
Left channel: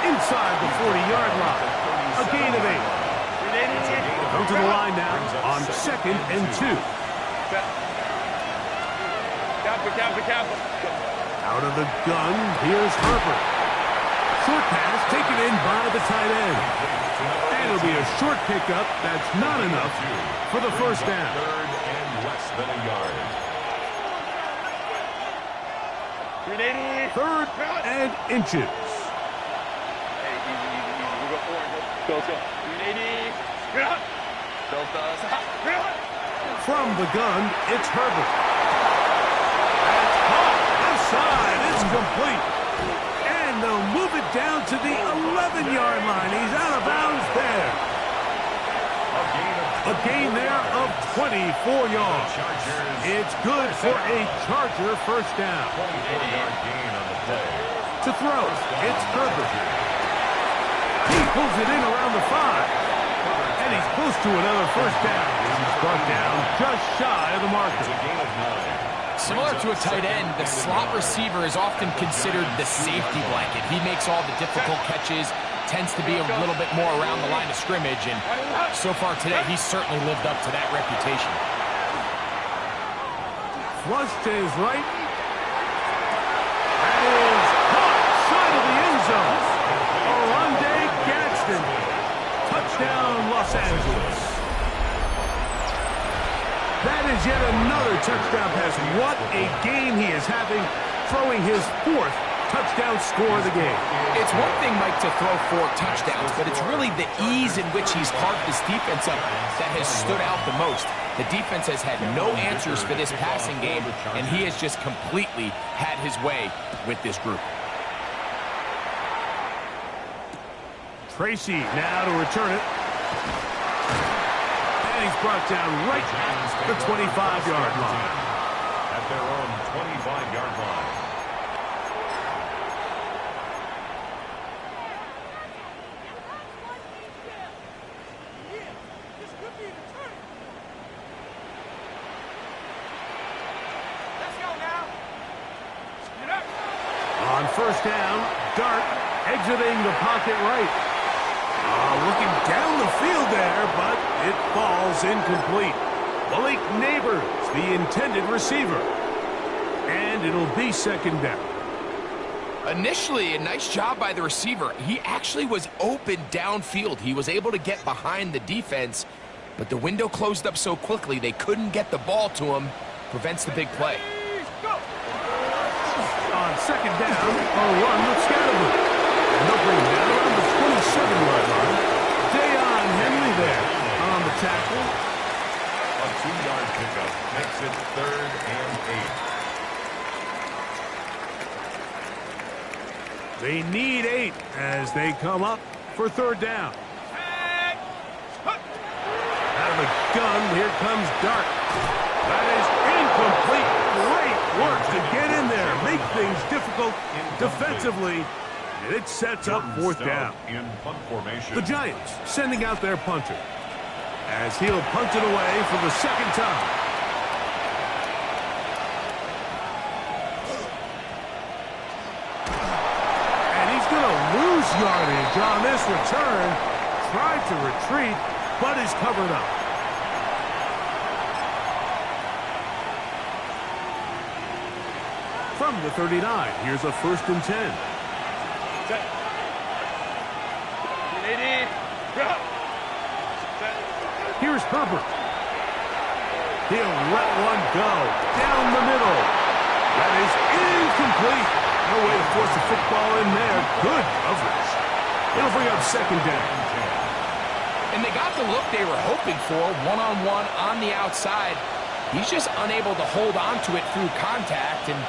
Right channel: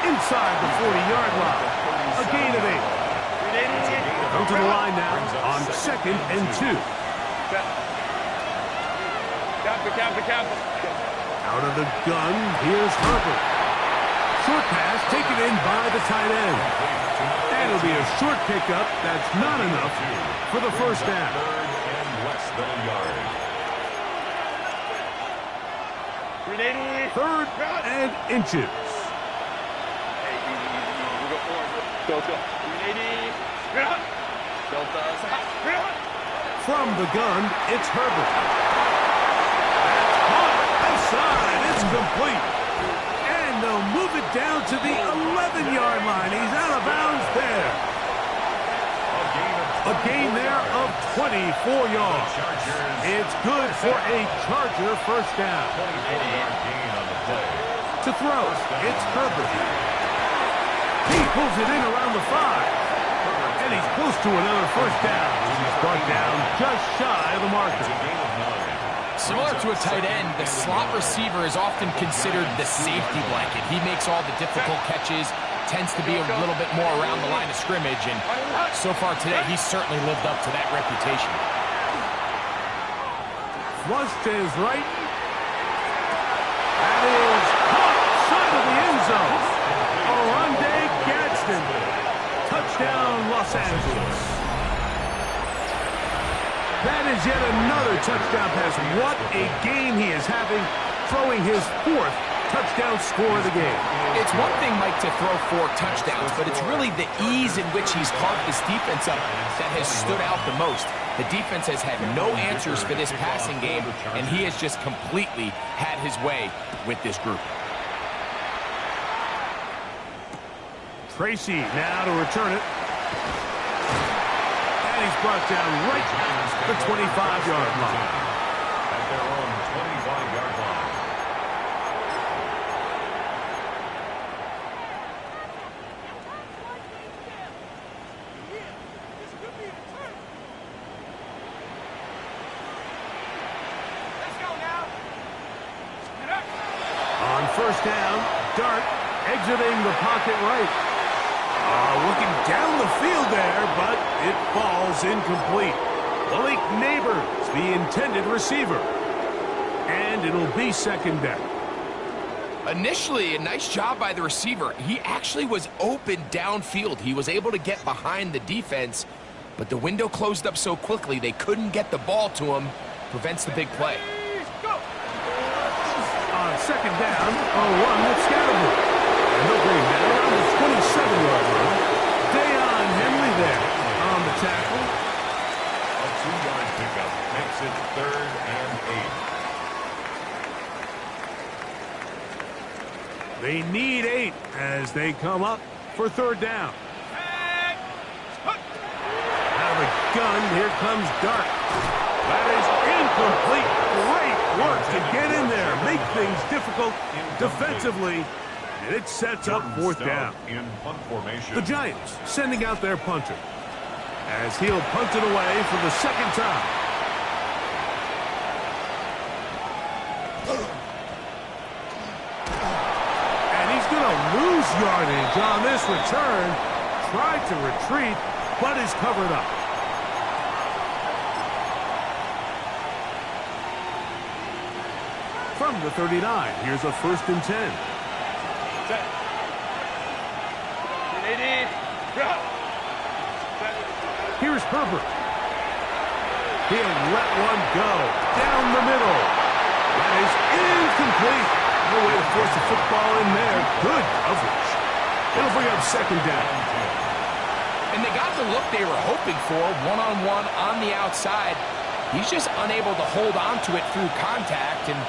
inside the 40-yard line. A gain of 8. Come to the line now on 2nd and 2. Out of the gun, here's Herbert. Short pass taken in by the tight end. And it'll be a short pickup. That's not enough for the first down. Third and less than a yard. 3rd and inches. From the gun, it's Herbert. That's caught. Outside. It's complete. And they'll move it down to the 11-yard line. He's out of bounds there. A gain there of 24 yards. It's good for a Charger first down. 24-yard gain on the play. To throw, it's Herbert. He pulls it in around the 5. And he's close to another first down. He's brought down just shy of the marker. It's a gain of 9. Similar to a tight end, the slot receiver is often considered the safety blanket. He makes all the difficult catches, tends to be a little bit more around the line of scrimmage, and so far today, he's certainly lived up to that reputation. Flush to his right. That is caught side of the end zone. Oronde Gadsden. Touchdown, Los Angeles. That is yet another touchdown pass. What a game he is having, throwing his 4th touchdown score of the game. It's one thing, Mike, to throw 4 touchdowns, but it's really the ease in which he's carved this defense up that has stood out the most. The defense has had no answers for this passing game, and he has just completely had his way with this group. Tracy now to return it. And he's brought down right the 25-yard line. At their own 25-yard line. Let's go now. Get up. On first down, Dart exiting the pocket right. Looking down the field there, but it falls incomplete. Malik Neighbors, the intended receiver. And it'll be 2nd down. Initially, a nice job by the receiver. He actually was open downfield. He was able to get behind the defense, but the window closed up so quickly they couldn't get the ball to him. Prevents the big play. Go. On 2nd down, a run with Scatterwood. And they'll bring him down around the 27-yard line. Deion Henley there on the tackle. A 2-yard pickup makes it 3rd and 8. They need 8 as they come up for 3rd down. Out of the gun, here comes Dart. That is incomplete. Great work to get in there, make things difficult defensively, and it sets up fourth down. In punt formation. The Giants sending out their punter, as he'll punt it away for the second time. And he's going to lose yardage on this return. Tried to retreat, but is covered up. From the 39, here's a 1st and 10. Here's Herbert. He'll let one go down the middle. That is incomplete. No way to force the football in there. Good coverage. It'll bring up 2nd down. And they got the look they were hoping for, one-on-one on the outside. He's just unable to hold on to it through contact, and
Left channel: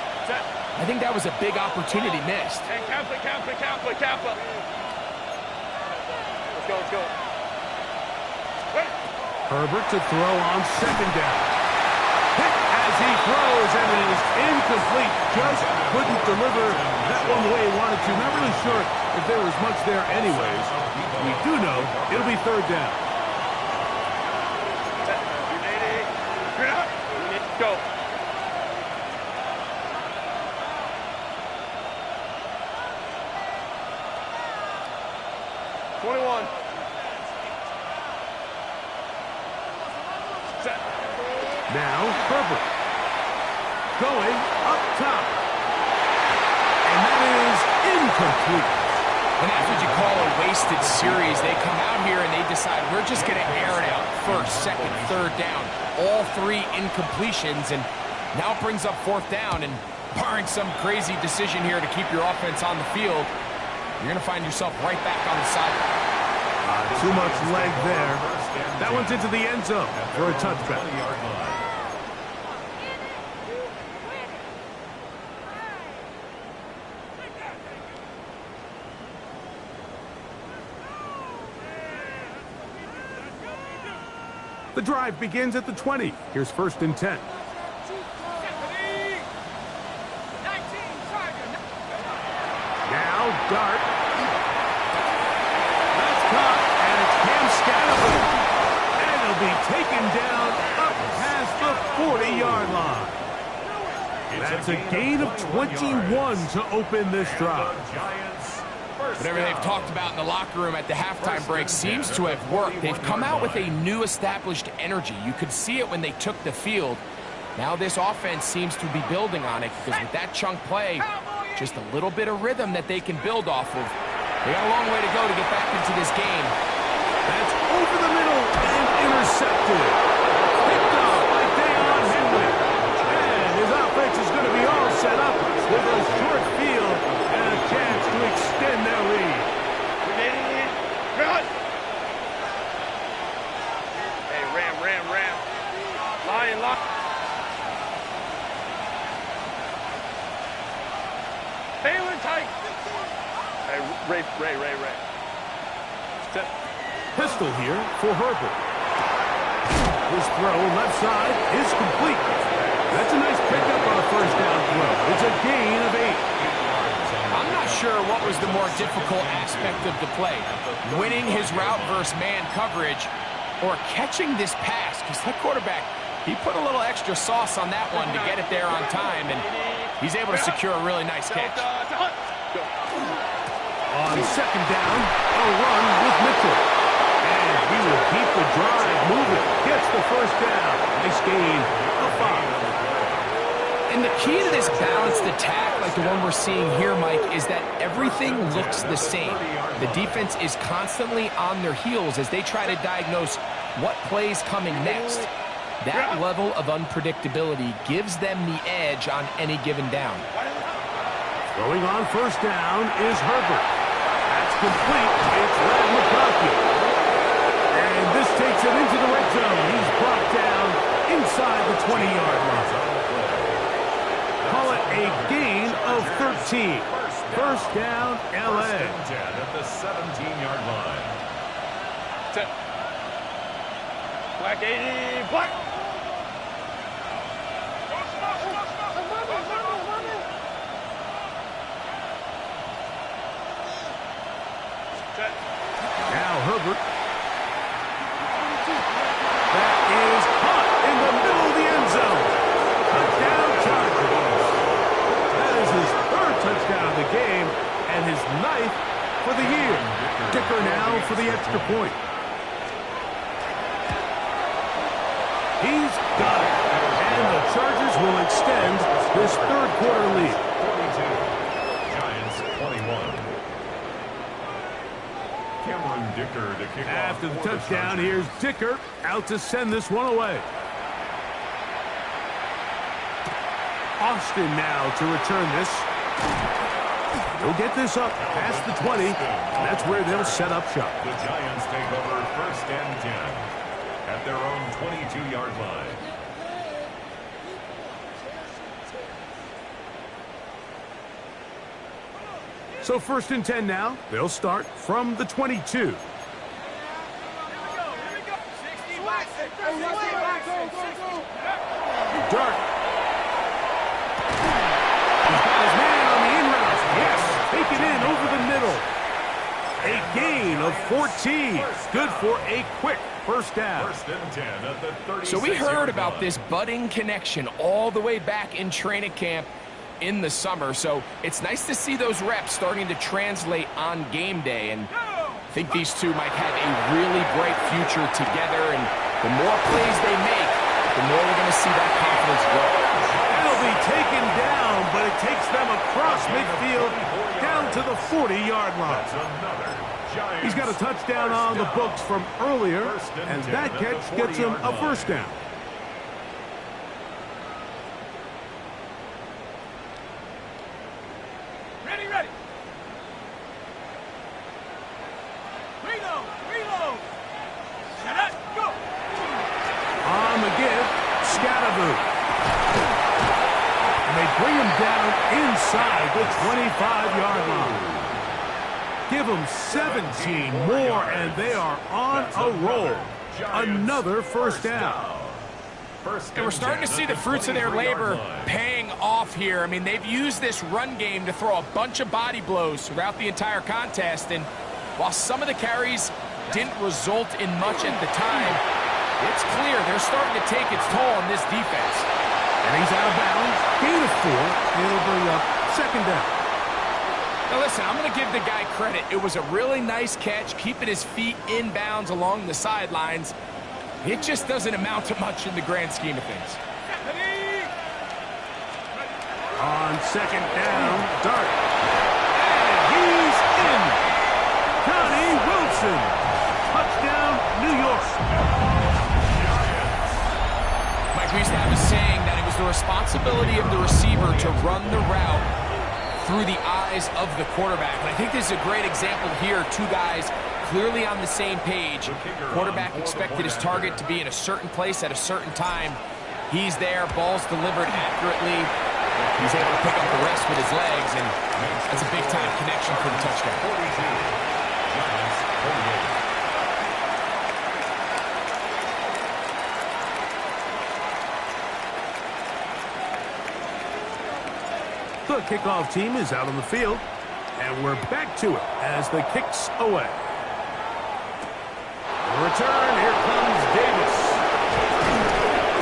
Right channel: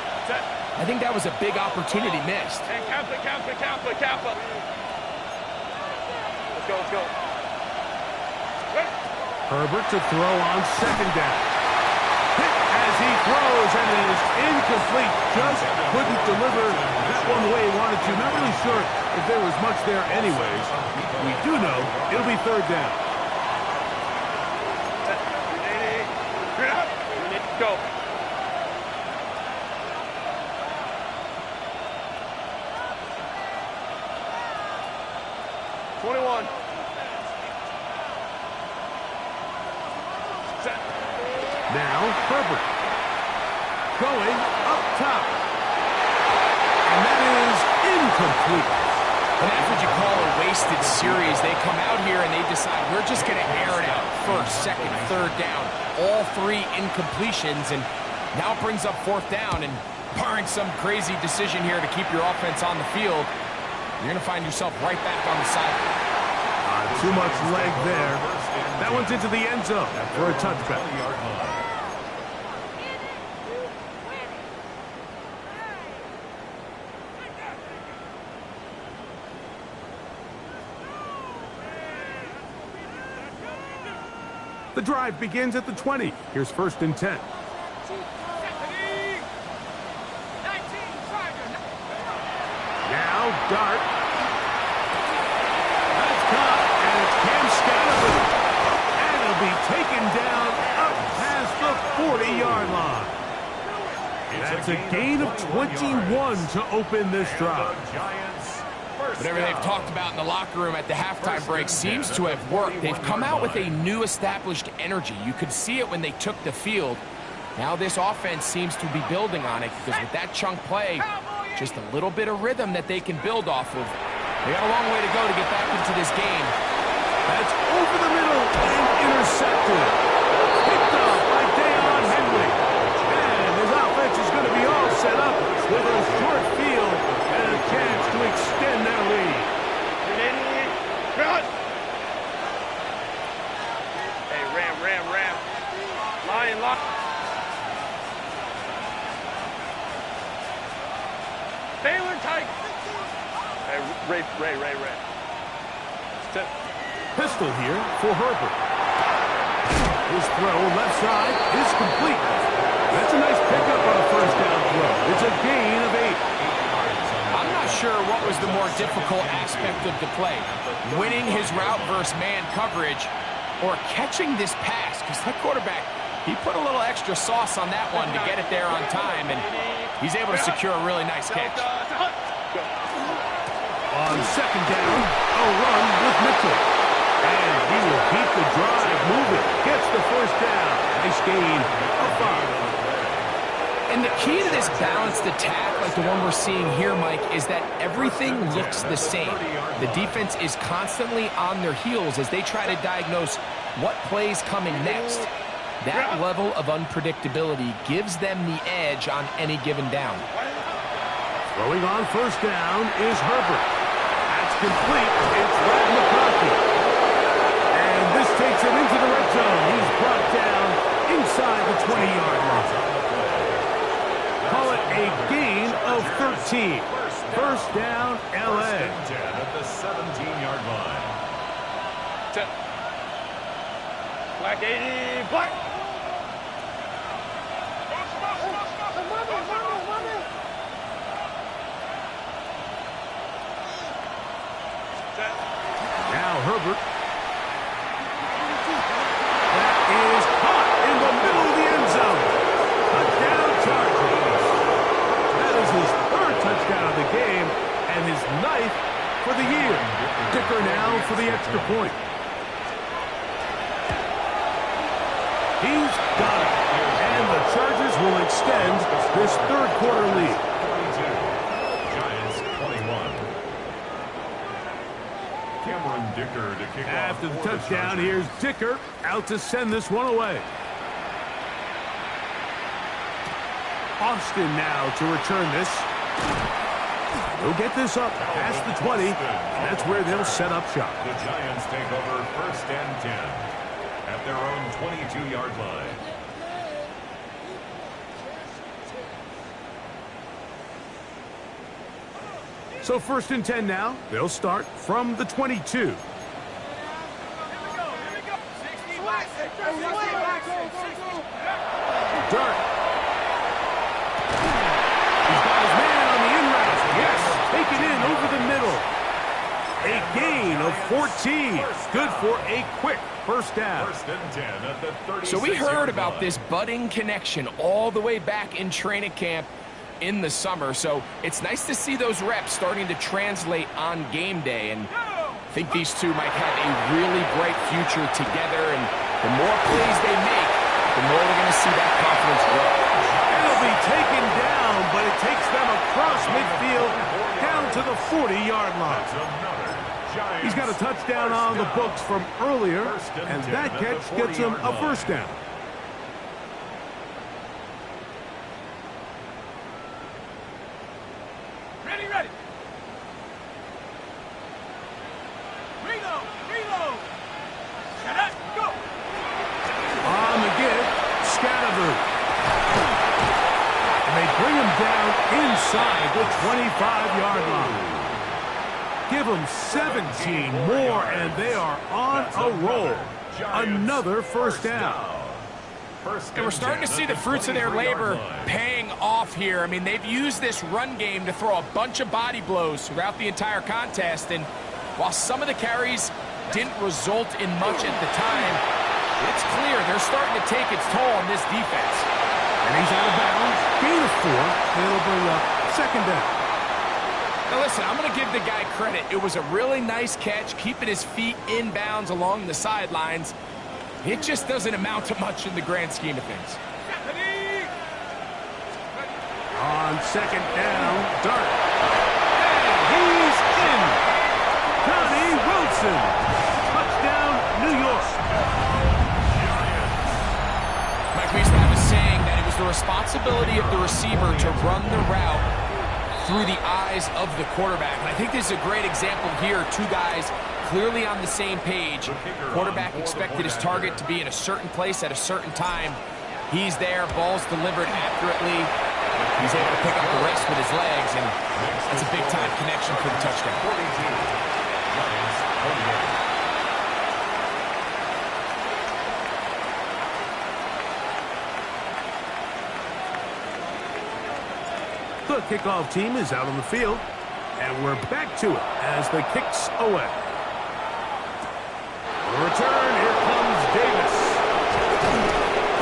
I think that was a big opportunity missed. Hey, Kappa. Let's go. Herbert to throw on 2nd down. Hit as he throws, and it is incomplete. Just couldn't deliver that one the way he wanted to. Not really sure if there was much there anyways. We do know it'll be 3rd down. Go. Now Herbert going up top, and that is incomplete. And that's what you call a wasted series. They come out here and they decide we're just going to air it out. 1st, 2nd, 3rd down. All 3 incompletions, and now it brings up 4th down. And barring some crazy decision here to keep your offense on the field, you're going to find yourself right back on the sideline. Too much leg there. That one's into the end zone for a touchback. The drive begins at the 20. Here's 1st and 10. Now Dart. That's caught, and it's Cam Scannable. And it'll be taken down up past the 40-yard line. That's a gain of 21 to open this drive. Whatever they've talked about in the locker room at the halftime break seems to have worked. They've come out with a new established energy. You could see it when they took the field. Now this offense seems to be building on it, because with that chunk play, just a little bit of rhythm that they can build off of. They got a long way to go to get back into this game. That's over the middle and intercepted. Picked off by Deion Henley. And his offense is going to be all set up with a short field and a chance to extend their lead. Hey, Ram. Lion. Taylor tight. Hey, Ray. Step. Pistol here for Herbert. His throw left side is complete. That's a nice pickup on a 1st down throw. It's a gain of 8. I'm not sure what was the more difficult aspect of the play. Winning his route versus man coverage, or catching this pass, because that quarterback, he put a little extra sauce on that one to get it there on time, and he's able to secure a really nice catch. On 2nd down, a run with Mitchell. And he will keep the drive moving. Gets the 1st down. Nice gain of 5. And the key to this balanced attack, like the one we're seeing here, Mike, is that everything looks the same. The defense is constantly on their heels as they try to diagnose what play's coming next. That level of unpredictability gives them the edge on any given down. Throwing on 1st down is Herbert. That's complete. It's Red McConkey. And this takes him into the red zone. He's brought down inside the 20-yard line. Call it a gain of 13. 1st down, L.A. 10 at the 17-yard line. Black 80, Black. is caught in the middle of the end zone. Touchdown, Chargers. That is his third touchdown of the game and his ninth for the year. Dicker now for the extra point. He's got it. And the Chargers will extend this third quarter lead. 42. Giants 21. Cameron Dicker to kick off. After the touchdown, here's Dicker out to send this one away. Austin now to return this. They'll get this up past the 20, and that's where they'll set up shop. The Giants take over first and 10 at their own 22-yard line. So first and 10 now. They'll start from the 22. Dart. He's got his man on the in route. Yes, taken in over the middle. A gain of 14. Good for a quick first down. First and 10 at the 36-yard So we heard about line. this budding connection all the way back in training camp in the summer. So it's nice to see those reps starting to translate on game day. And I think these two might have a really bright future together. And the more plays they make, the more we're going to see that confidence grow. It'll be taken down, but it takes them across midfield down to the 40-yard line. That's another Giants He's got a touchdown on the books from earlier, and that catch gets him a first down. Ready, ready. Reload. Set up, go. On the give, Scatteroo. And they bring him down inside the 25-yard line. Give them 17 more, and they are on a roll. Another first down. And we're starting to see the fruits of their labor paying off here. I mean, they've used this run game to throw a bunch of body blows throughout the entire contest. And while some of the carries didn't result in much at the time, it's clear they're starting to take its toll on this defense. And he's out of bounds. Gain of 4. It'll bring up second down. Now listen, I'm going to give the guy credit. It was a really nice catch, keeping his feet in bounds along the sidelines. It just doesn't amount to much in the grand scheme of things. On second down, Dart. And he's in. Johnny Wilson. Touchdown, New York. Mike, we used to have a saying that it was the responsibility of the receiver to run the route through the eyes of the quarterback. And I think this is a great example here. Two guys clearly on the same page. Quarterback expected his target to be in a certain place at a certain time. He's there, ball's delivered accurately. He's able to pick up the rest with his legs, and that's a big-time connection for the touchdown. 42. Giants 48. The kickoff team is out on the field, and we're back to it as the kick's away. The return, here comes Davis.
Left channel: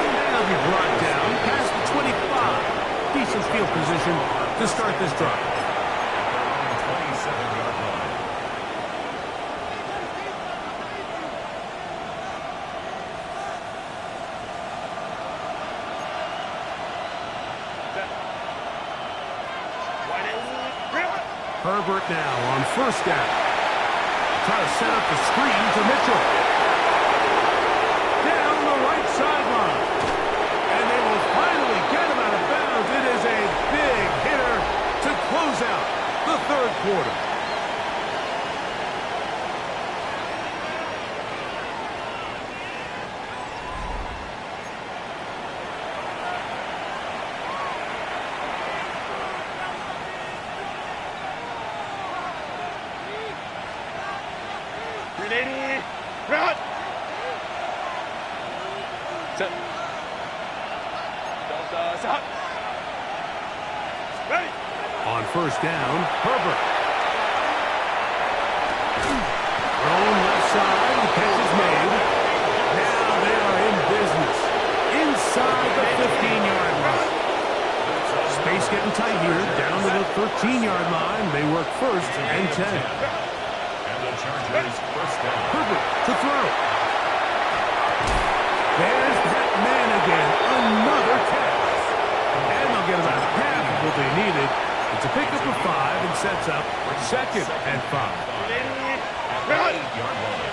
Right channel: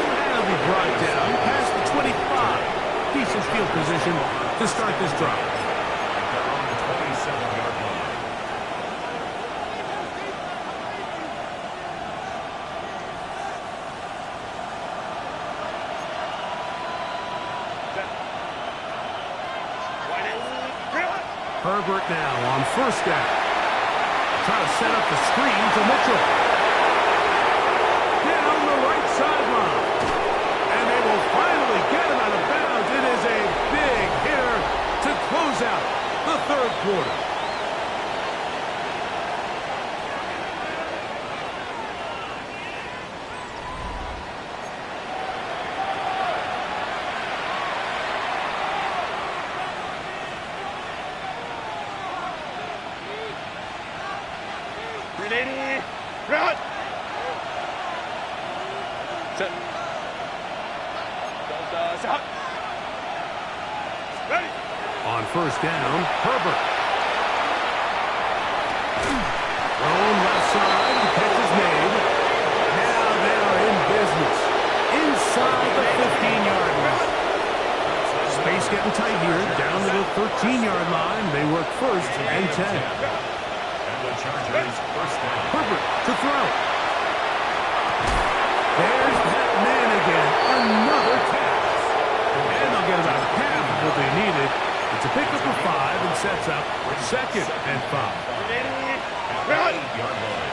And he'll be brought down past the 25. Decent field position to start this drive. At their own 27-yard line. Herbert now on first down. Try to set up the screen to Mitchell. Down the right sideline. And they will finally get him out of bounds. It is a big hitter to close out the third quarter. Ready, run. Set. Does out. Ready. On first down, Herbert. Thrown left side, the catch is made. Now they are in business. getting tight here. Down to the 13-yard line. They work first and 10. And the Chargers first down. Herbert to throw. There's that man again. Another catch. And they'll get about half of what they needed. It's a pickup of 5 and sets up second and 5. At the 8-yard line.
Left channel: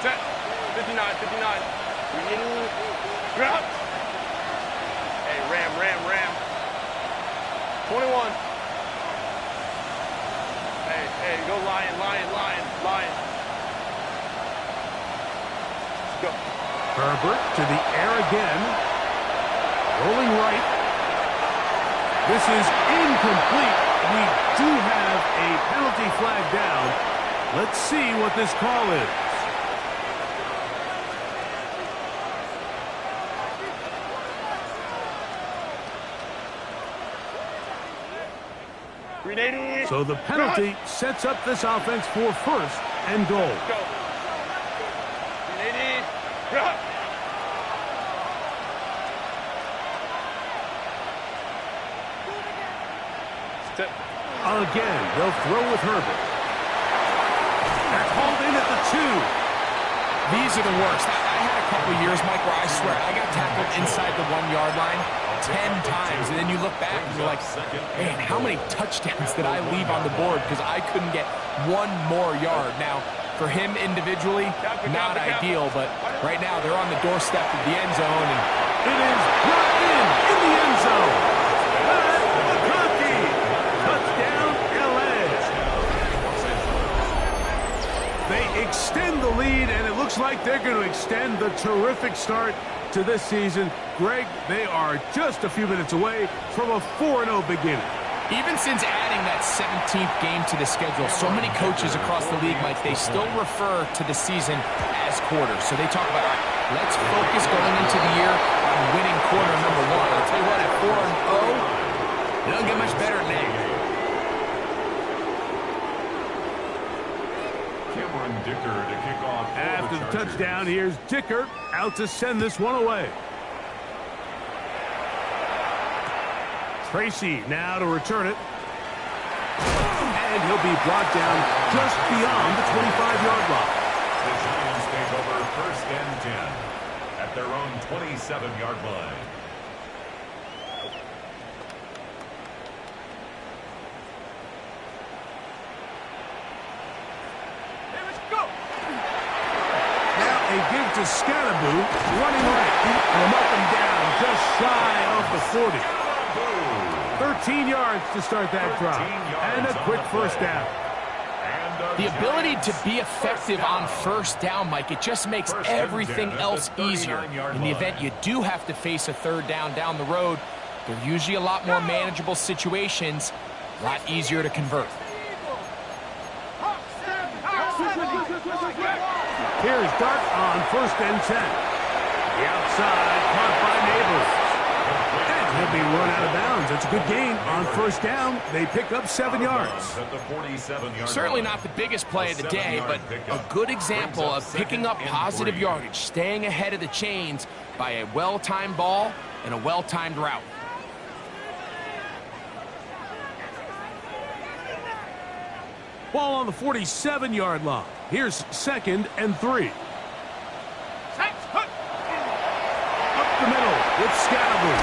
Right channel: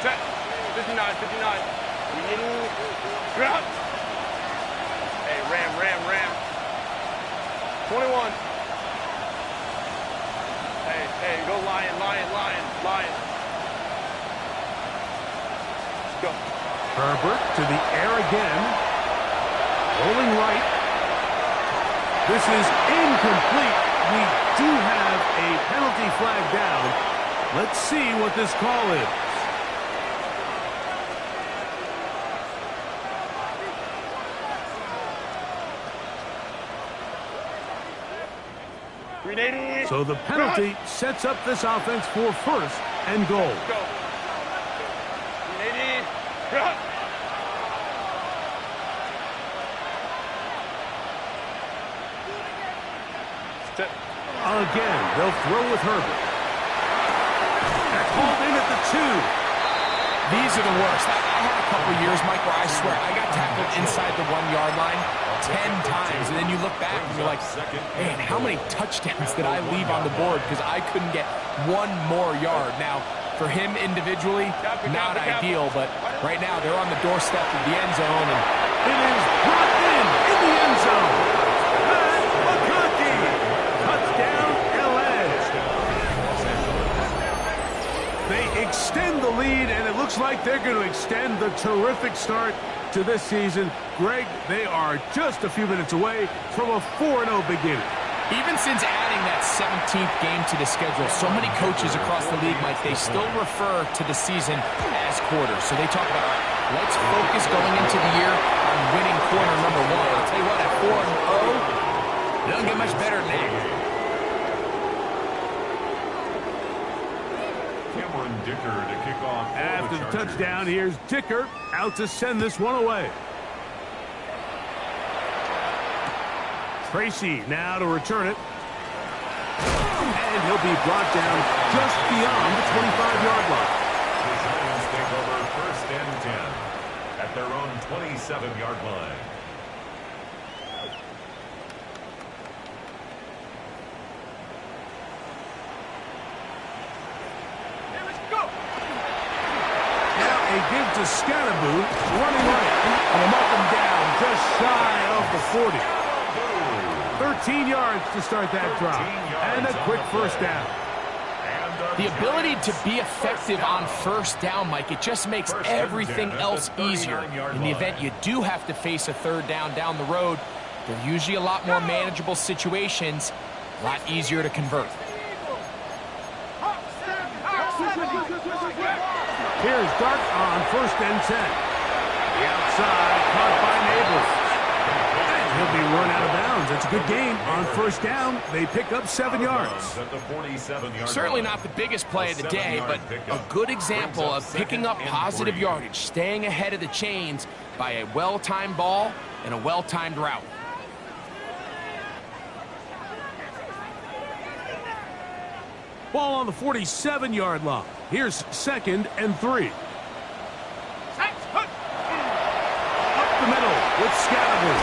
Set. 59, 59. We need ground. Hey, ram. 21. Hey, go lion. Let's go. Herbert to the air again. Rolling right. This is incomplete. We do have a penalty flag down. Let's see what this call is. So the penalty sets up this offense for first and goal. Go. 380. Ground. Step. Again, they'll throw with Herbert. They're called in at the 2. These are the worst. I had a couple years, Mike, where I swear I got tackled inside the 1-yard line 10 times, and then you look back and you're like, man, how many touchdowns did I leave on the board because I couldn't get one more yard? Now, for him individually, not ideal, but right now they're on the doorstep of the end zone, and it is brought in the end zone. Pat McConkey. Touchdown, LA. They extend the lead, and it looks like they're going to extend the terrific start to this season. Greg, they are just a few minutes away from a 4-0 beginning. even since adding that 17th game to the schedule, so many coaches across the league, Mike, they still refer to the season as quarters. So they talk about, all right, let's focus going into the year on winning quarter number 1. I'll tell you what, at 4-0, it doesn't get much better than that. Cameron Dicker to kick off. After the touchdown, here's Dicker out to send this one away. Tracy now to return it. And he'll be brought down just beyond the 25-yard line. The Giants take over 1st and 10 at their own 27-yard line. Now a give to Scalaboo, running right. And they'll mark him down just shy of the 40. 13 yards to start that drive. And a quick first down. The ability to be effective on first down, Mike, it just makes everything else easier. In the event you do have to face a third down the road, they're usually a lot more manageable situations, a lot easier to convert. Here's Dark on 1st and 10. The outside caught by Neighbors. And he'll be run out of bounds. It's a good game on 1st down. They pick up 7 yards. Certainly not the biggest play of the day, but a good example of picking up positive yardage, staying ahead of the chains by a well-timed ball and a well-timed route. Ball on the 47-yard line. Here's 2nd and 3. Up the middle with Scalaboo.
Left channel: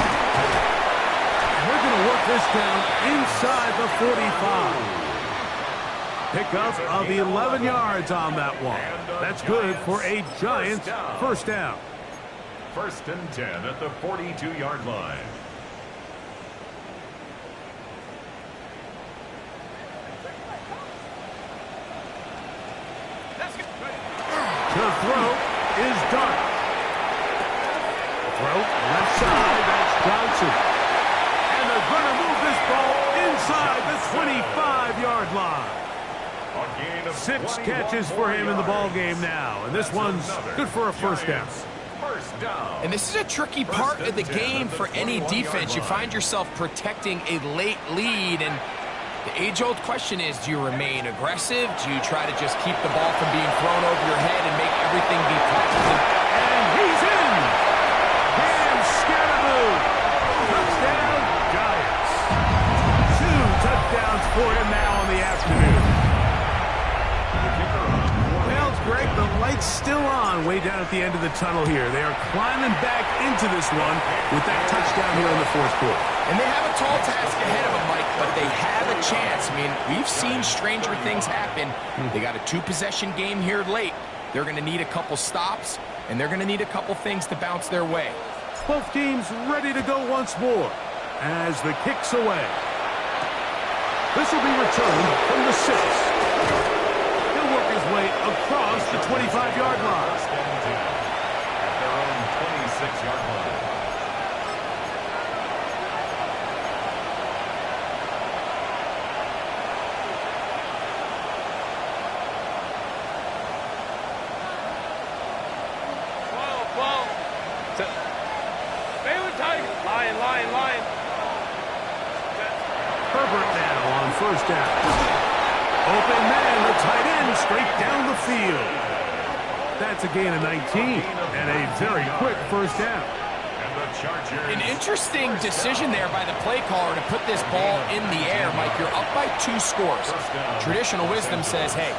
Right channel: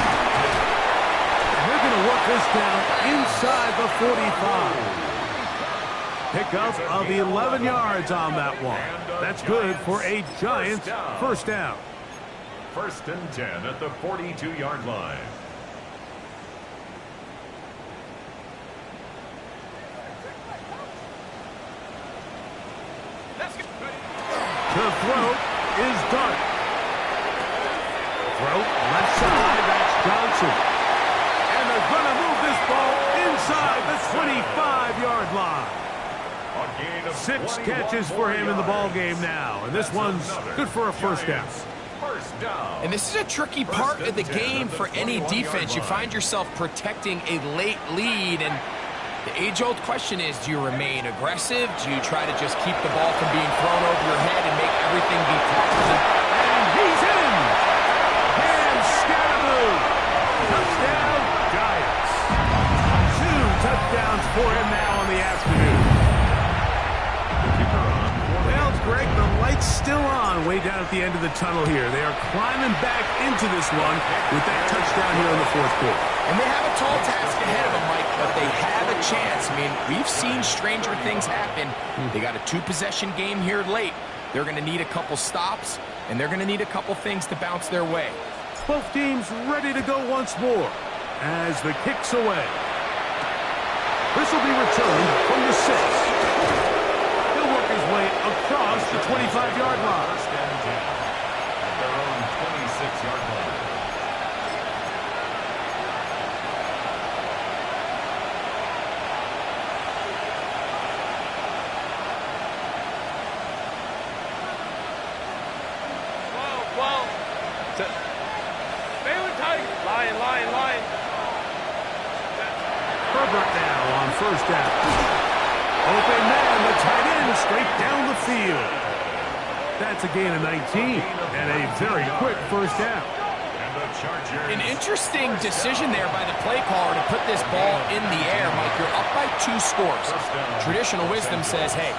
And they're going to work this down inside the 45. Pickup of 11 yards on that one. That's good for a Giants first down. 1st and 10 at the 42-yard line. To throw is Dark. Throw left side, that's Johnson. And they're going to move this ball inside the 25-yard line. 6 catches for him in the ball game now, and this one's good for a first down. And this is a tricky part of the game for any defense. You find yourself protecting a late lead, and the age-old question is, do you remain aggressive? Do you try to just keep the ball from being thrown over your head and make everything be tackled? And he's in! Cam Scalaboo! Touchdown! the end of the tunnel here. They are climbing back into this one with that touchdown here in the fourth quarter. And they have a tall task ahead of them, Mike, but they have a chance. I mean, we've seen stranger things happen. They got a 2-possession game here late. They're going to need a couple stops, and they're going to need a couple things to bounce their way. Both teams ready to go once more as the kick's away. This will be returned from the 6. He'll work his way across the 25-yard line. First and 10 at their own 26-yard line. Baylor Tigers. Lion. Herbert now on first down. Open man, the tight end, straight down the field. That's a gain of 19 and a very quick first down. And the Chargers. An interesting decision there by the play caller to put this ball in the air. Mike, you're up by 2 scores. Traditional wisdom says, hey,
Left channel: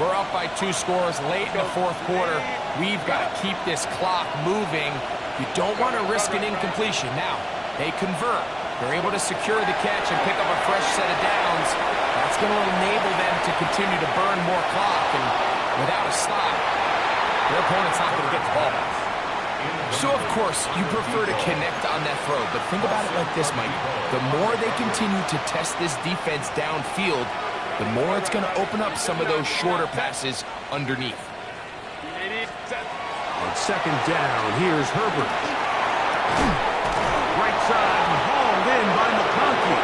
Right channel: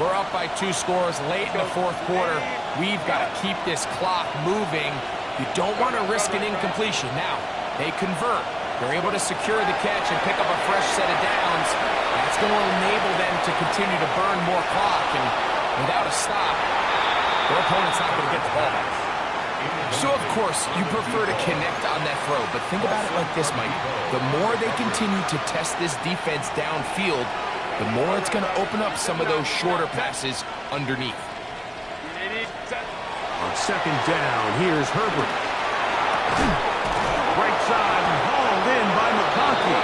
we're up by 2 scores late in the fourth quarter. We've got to keep this clock moving. You don't want to risk an incompletion. Now, they convert. They're able to secure the catch and pick up a fresh set of downs. That's going to enable them to continue to burn more clock. And without a stop, their opponent's not going to get the ball back. So, of course, you prefer to connect on that throw. But think about it like this, Mike. The more they continue to test this defense downfield, the more it's going to open up some of those shorter passes underneath. On second down, here's Herbert. Right side and hauled in by McConkey.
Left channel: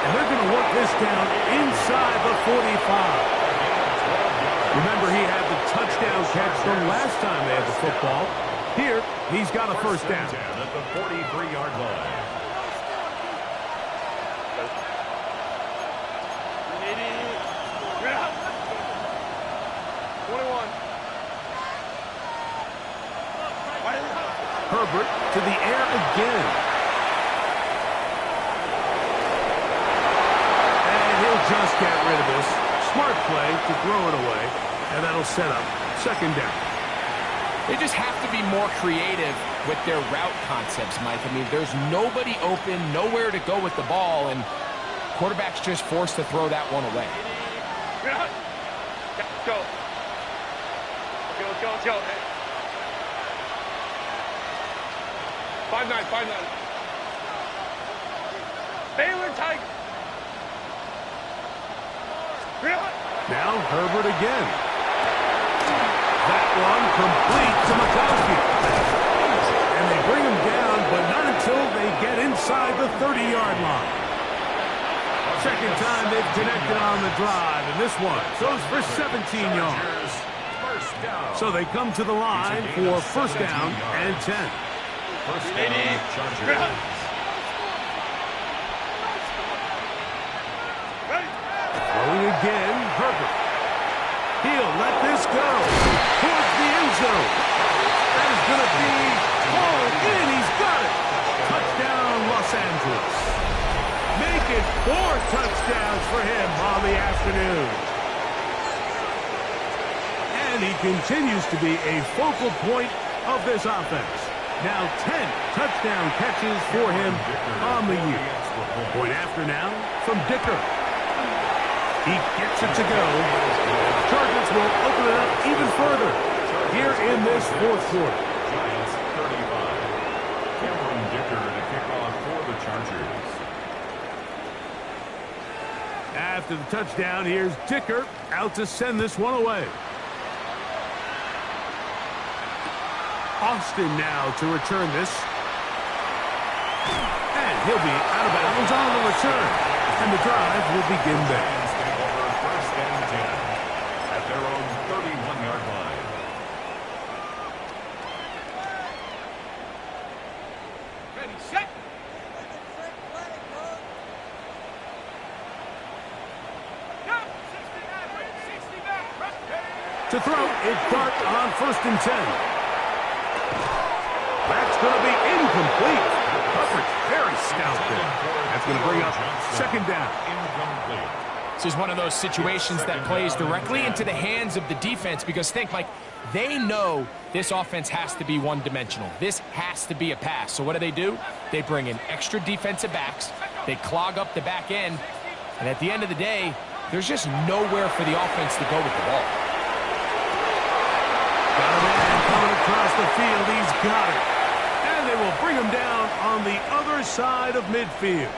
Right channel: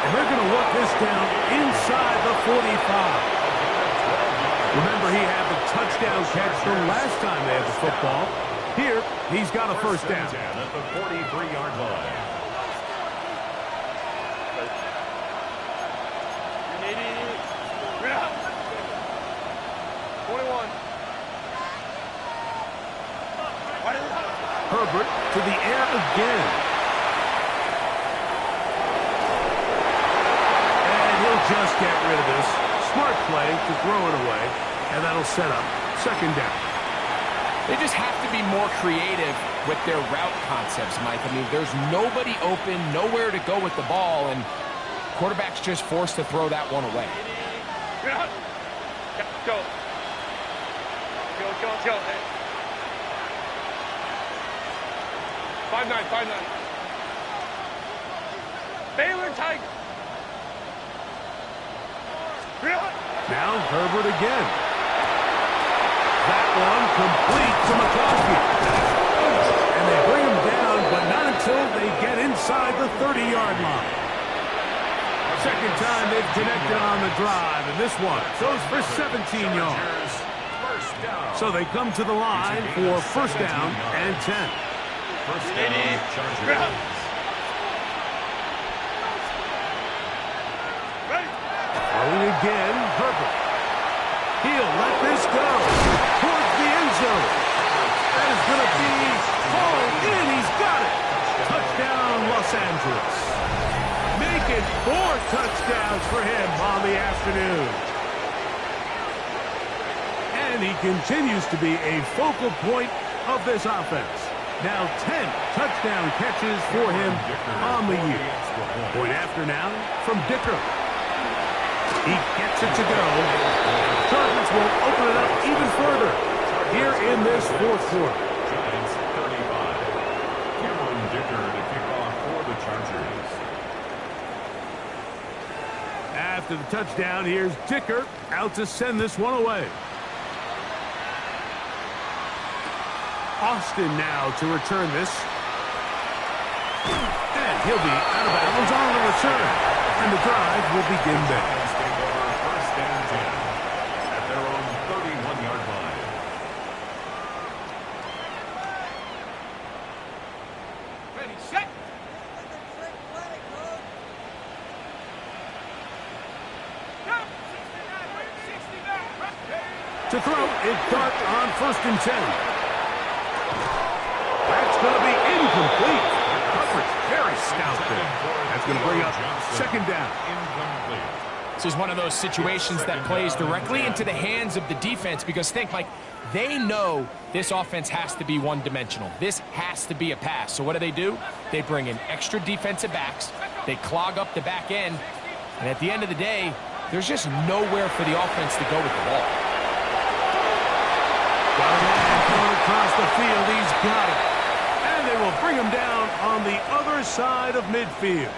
And they're going to work this down inside the 45. Remember, he had the touchdown catch the last time they had the football. Here, he's got a first down. At the 43-yard line. 21. Herbert to the air again. And he'll just get rid of this. Smart play to throw it away. And that'll set up second down. They just have to be more creative with their route concepts, Mike. I mean, there's nobody open, nowhere to go with the ball, and quarterback's just forced to throw that one away. Go. Let's go. Hey. 5-9. Baylor Tigers. Now Herbert again. That one complete to McConkey. And they bring him down, but not until they get inside the 30-yard line. Second time they've connected on the drive, and this one goes for 17 yards. So they come to the line for first down and 10. First down, Chargers. Throwing again, Herbert. He'll let this go towards the end zone. That is going to be hauled in. He's got it. Touchdown, Los Angeles. Make it 4 touchdowns for him on the afternoon. And he continues to be a focal point of this offense. Now 10 touchdown catches for him on the year. Point after now from Dicker. He gets it to go. Chargers will open it up even further here in this fourth quarter. Giants 35. Cameron Dicker to kick off for the Chargers. After the touchdown, here's Dicker out to send this one away. Austin now to return this. And he'll be out of bounds on the return. And the drive will begin there. Giants take over first and 10 at their own 31-yard line. Ready, set. To throw, it's Dart on first and 10. That's going to be incomplete. Coverage very stout there. That's going to bring up second down. Incomplete. This is one of those situations that plays directly into the hands of the defense because think, Mike, they know this offense has to be one-dimensional. This has to be a pass. So what do? They bring in extra defensive backs. They clog up the back end. And at the end of the day, there's just nowhere for the offense to go with the ball. Got a man coming across the field. He's got it. And they will bring him down on the other side of midfield.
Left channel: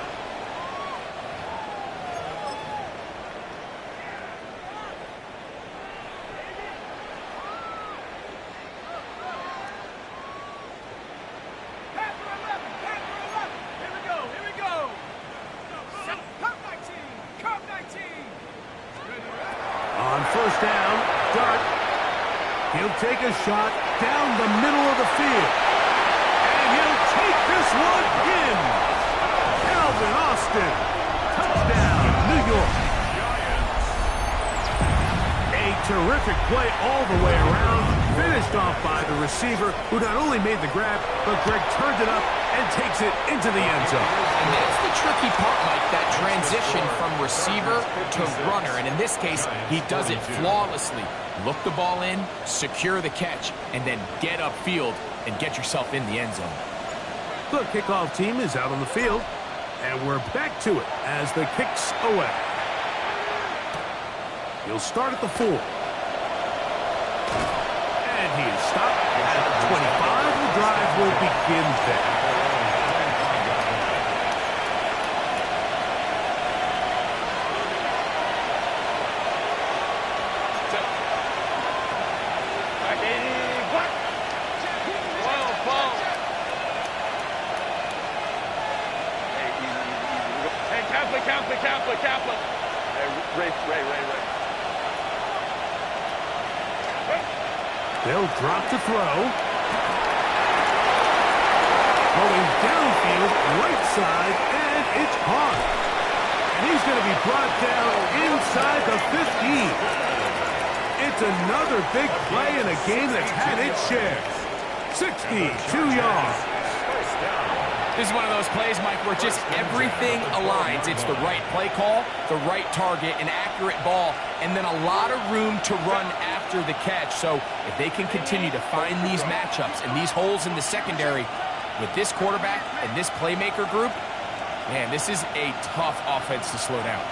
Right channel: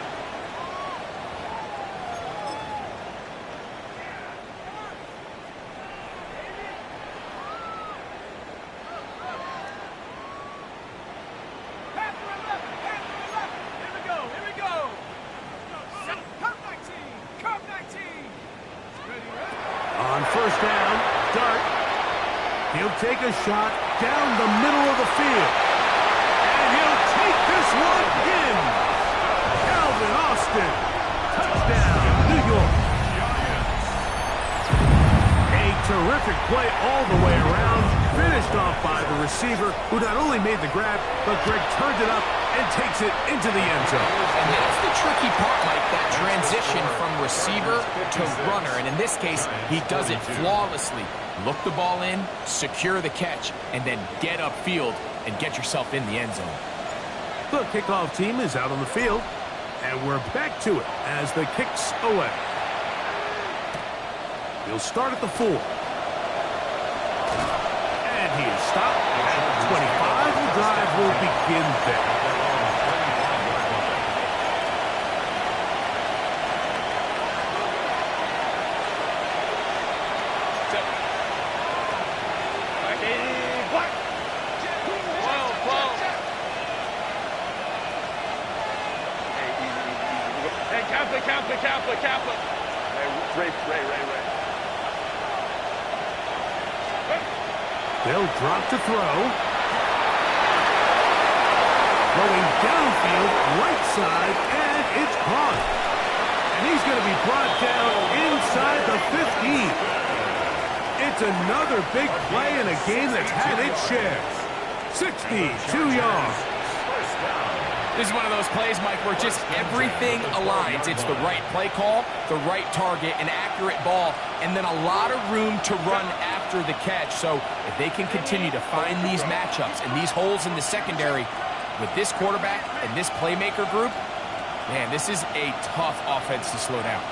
On first down, Dart. He'll take a shot down the middle of the field. And he'll take this one in. Calvin Austin. Touchdown, New York. A terrific play all the way around. Finished off by the receiver, who not only made the grab, but Greg turned it up and takes it into the end zone. And that's the tricky part, Mike, that transition from receiver to runner. And in this case, he does it flawlessly. Look the ball in, secure the catch, and then get upfield and get yourself in the end zone. The kickoff team is out on the field, and we're back to it as the kick's away. He'll start at the 4. And he is stopped at 25. The drive will begin there. Kappa. Hey, Ray. They'll drop to throw. Throwing downfield, right side, and it's caught. And he's going to be brought down inside the 15. It's another big play in a game that's had its share. 62 yards. First down. This is one of those plays, Mike, where just everything aligns. It's the right play call, the right target, an accurate ball, and then a lot of room to run after the catch. So if they can continue to find these matchups and these holes in the secondary with this quarterback and this playmaker group, man, this is a tough offense to slow down.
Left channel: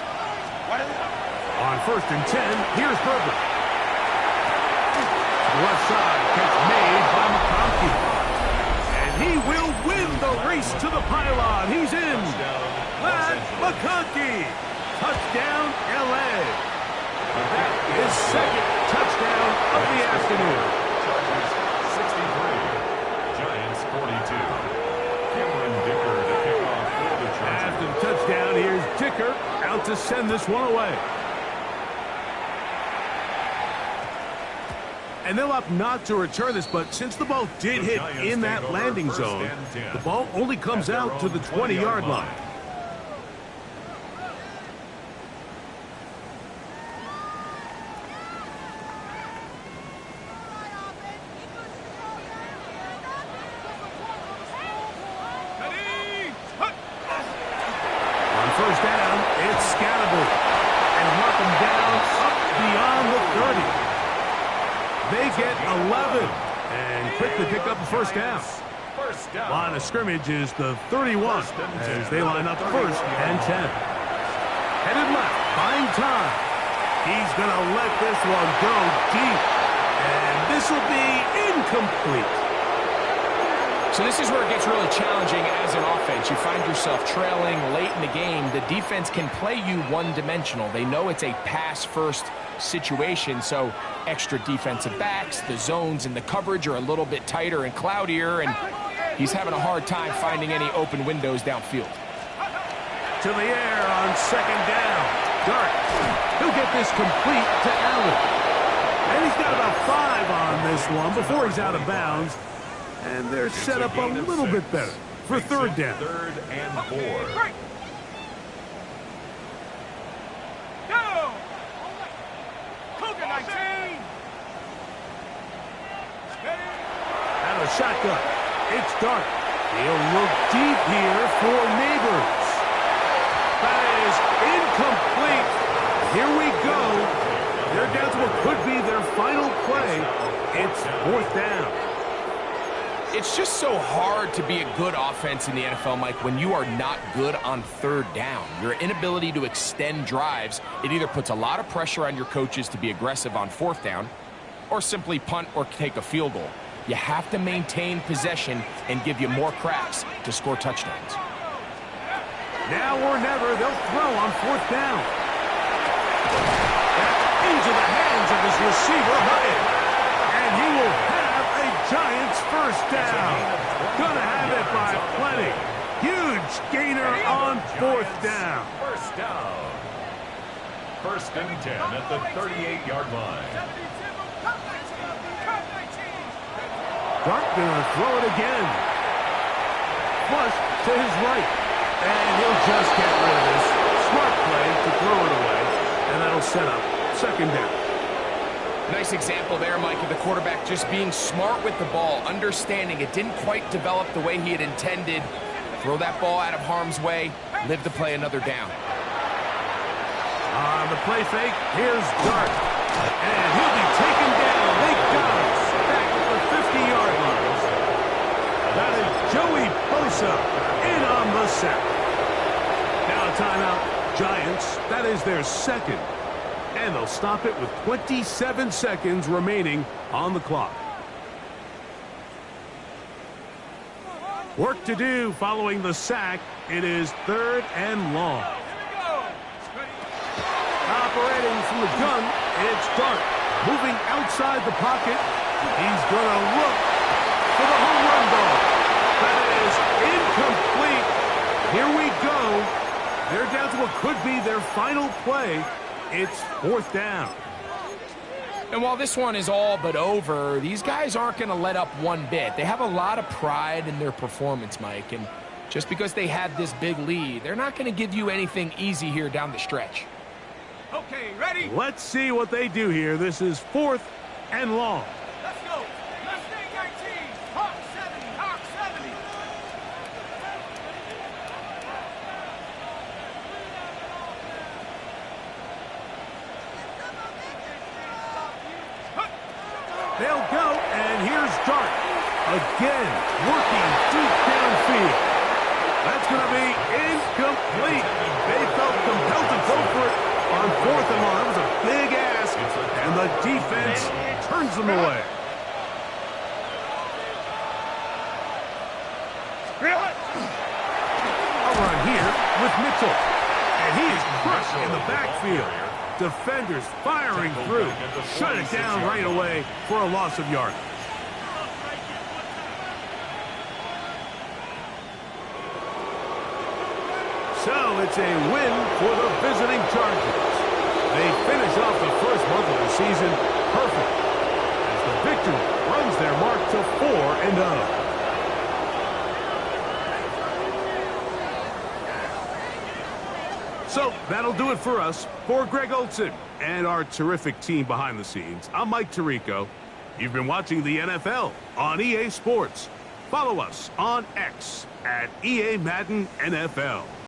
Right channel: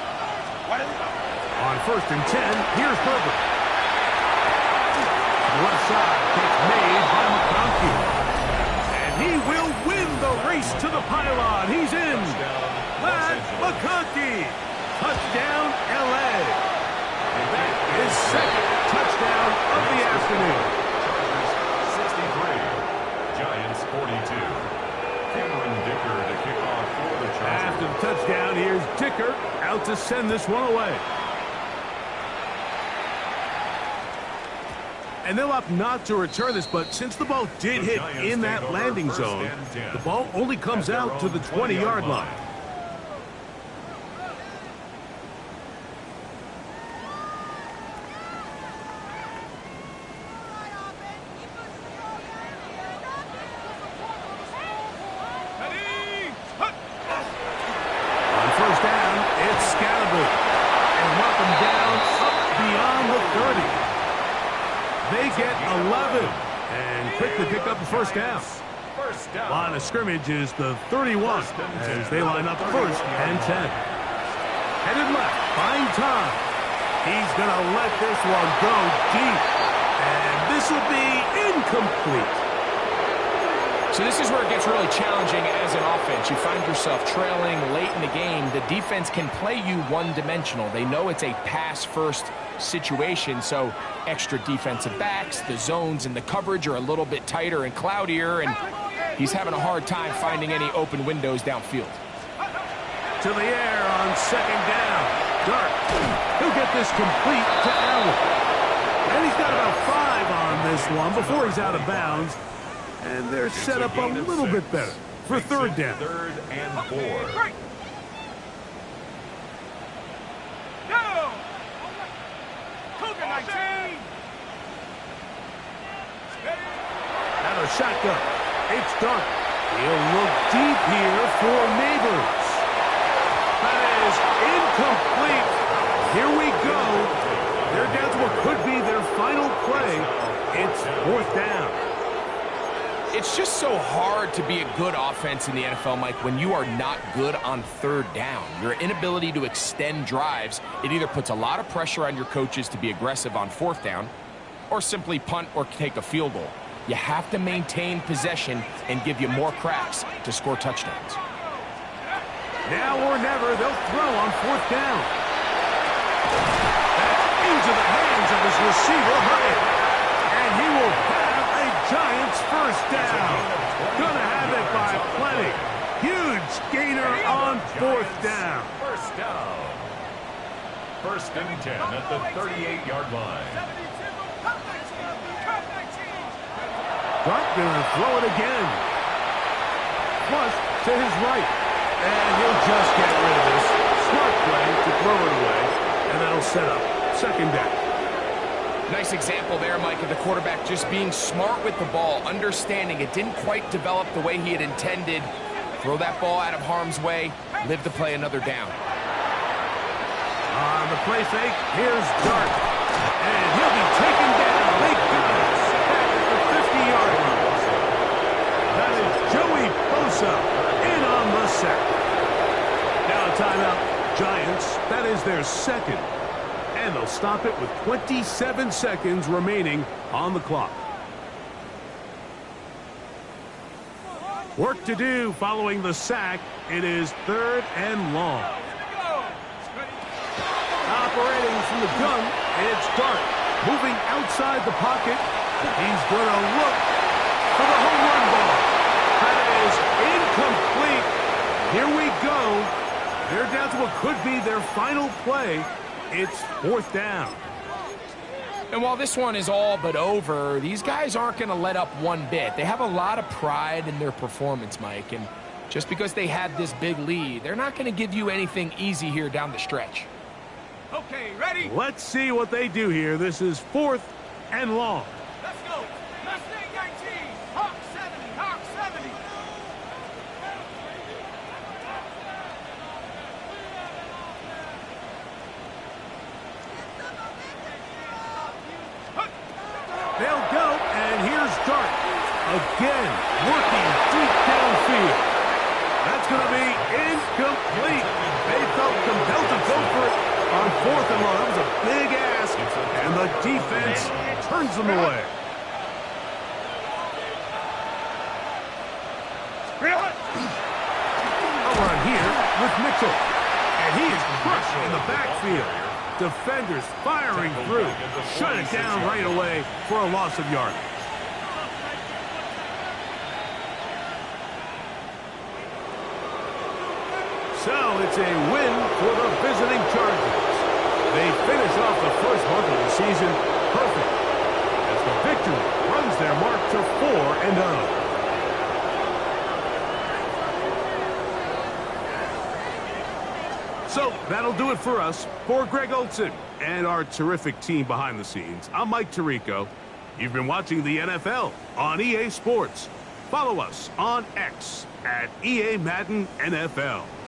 On first and 10, here's Herbert. Left side, catch made by McConkey. He will win the race to the pylon. He's in. Matt McConkey. Touchdown, L.A. That is second touchdown of the afternoon. Chargers 63. Giants 42. Cameron Dicker to kick off for the Chargers. After the touchdown, here's Dicker out to send this one away. And they'll opt not to return this, but since the ball did hit in that landing zone, the ball only comes out to the 20-yard line. On first down, it's Scatterby. And mark him down up beyond the 30. They get 11 and quickly pick up the first down. Line of scrimmage is the 31 as they line up first and 10. Headed left, buying time. He's going to let this one go deep. And this will be incomplete. So this is where it gets really challenging as an offense. You find yourself trailing late in the game. The defense can play you one-dimensional. They know it's a pass-first situation, so extra defensive backs, the zones and the coverage are a little bit tighter and cloudier, and he's having a hard time finding any open windows downfield. To the air on second down. Dart. He'll get this complete to Allen. And he's got about 5 on this one before he's out of bounds. And they're set up a little bit better for third down. Third and 4. Go! Cougar 19! Out of shotgun. It's Dart. He'll look deep here for Neighbors. That is incomplete. Here we go. They're down to what could be their final play. It's 4th down. It's just so hard to be a good offense in the NFL, Mike, when you are not good on 3rd down. Your inability to extend drives, it either puts a lot of pressure on your coaches to be aggressive on 4th down or simply punt or take a field goal. You have to maintain possession and give you more cracks to score touchdowns. Now or never, they'll throw on 4th down. That's into the hands of his receiver, Hurts. And he will have a Giants first down. Gonna have it by plenty. Huge gainer on 4th down. First down. 1st and 10 at the 38-yard line. Dart gonna throw it again. Flush to his right. And he'll just get rid of this. Smart play to throw it away. And that'll set up 2nd down. Nice example there, Mike, of the quarterback just being smart with the ball, understanding it didn't quite develop the way he had intended. Throw that ball out of harm's way, live to play another down. On the play fake, here's Dart. And he'll be taken down. They got us back at the 50-yard line. That is Joey Bosa in on the sack. Now a timeout. Giants, that is their 2nd. And they'll stop it with 27 seconds remaining on the clock. Work to do following the sack. It is 3rd and long. Operating from the gun, it's Dart. Moving outside the pocket. He's going to look for the home run ball. That is incomplete. Here we go. They're down to what could be their final play. It's 4th down. And while this one is all but over, these guys aren't going to let up one bit. They have a lot of pride in their performance, Mike. And just because they had this big lead, they're not going to give you anything easy here down the stretch. Okay, ready? Let's see what they do here. This is 4th and long. Let's go. Mustang 19. Hawk 70. Hawk 70. They'll go, and here's Dart. Again, working deep downfield. That's going to be incomplete. They felt compelled to go for it on 4th and long. That was a big ask, and the defense turns them away. A run here with Mitchell. And he is crushed in the backfield. Defenders firing through. Shut it down right away for a loss of yardage. So it's a win for the visiting Chargers. They finish off the first month of the season perfect as the victory runs their mark to 4-0. So that'll do it for us. For Greg Olsen and our terrific team behind the scenes, I'm Mike Tirico. You've been watching the NFL on EA Sports. Follow us on X at EA Madden NFL.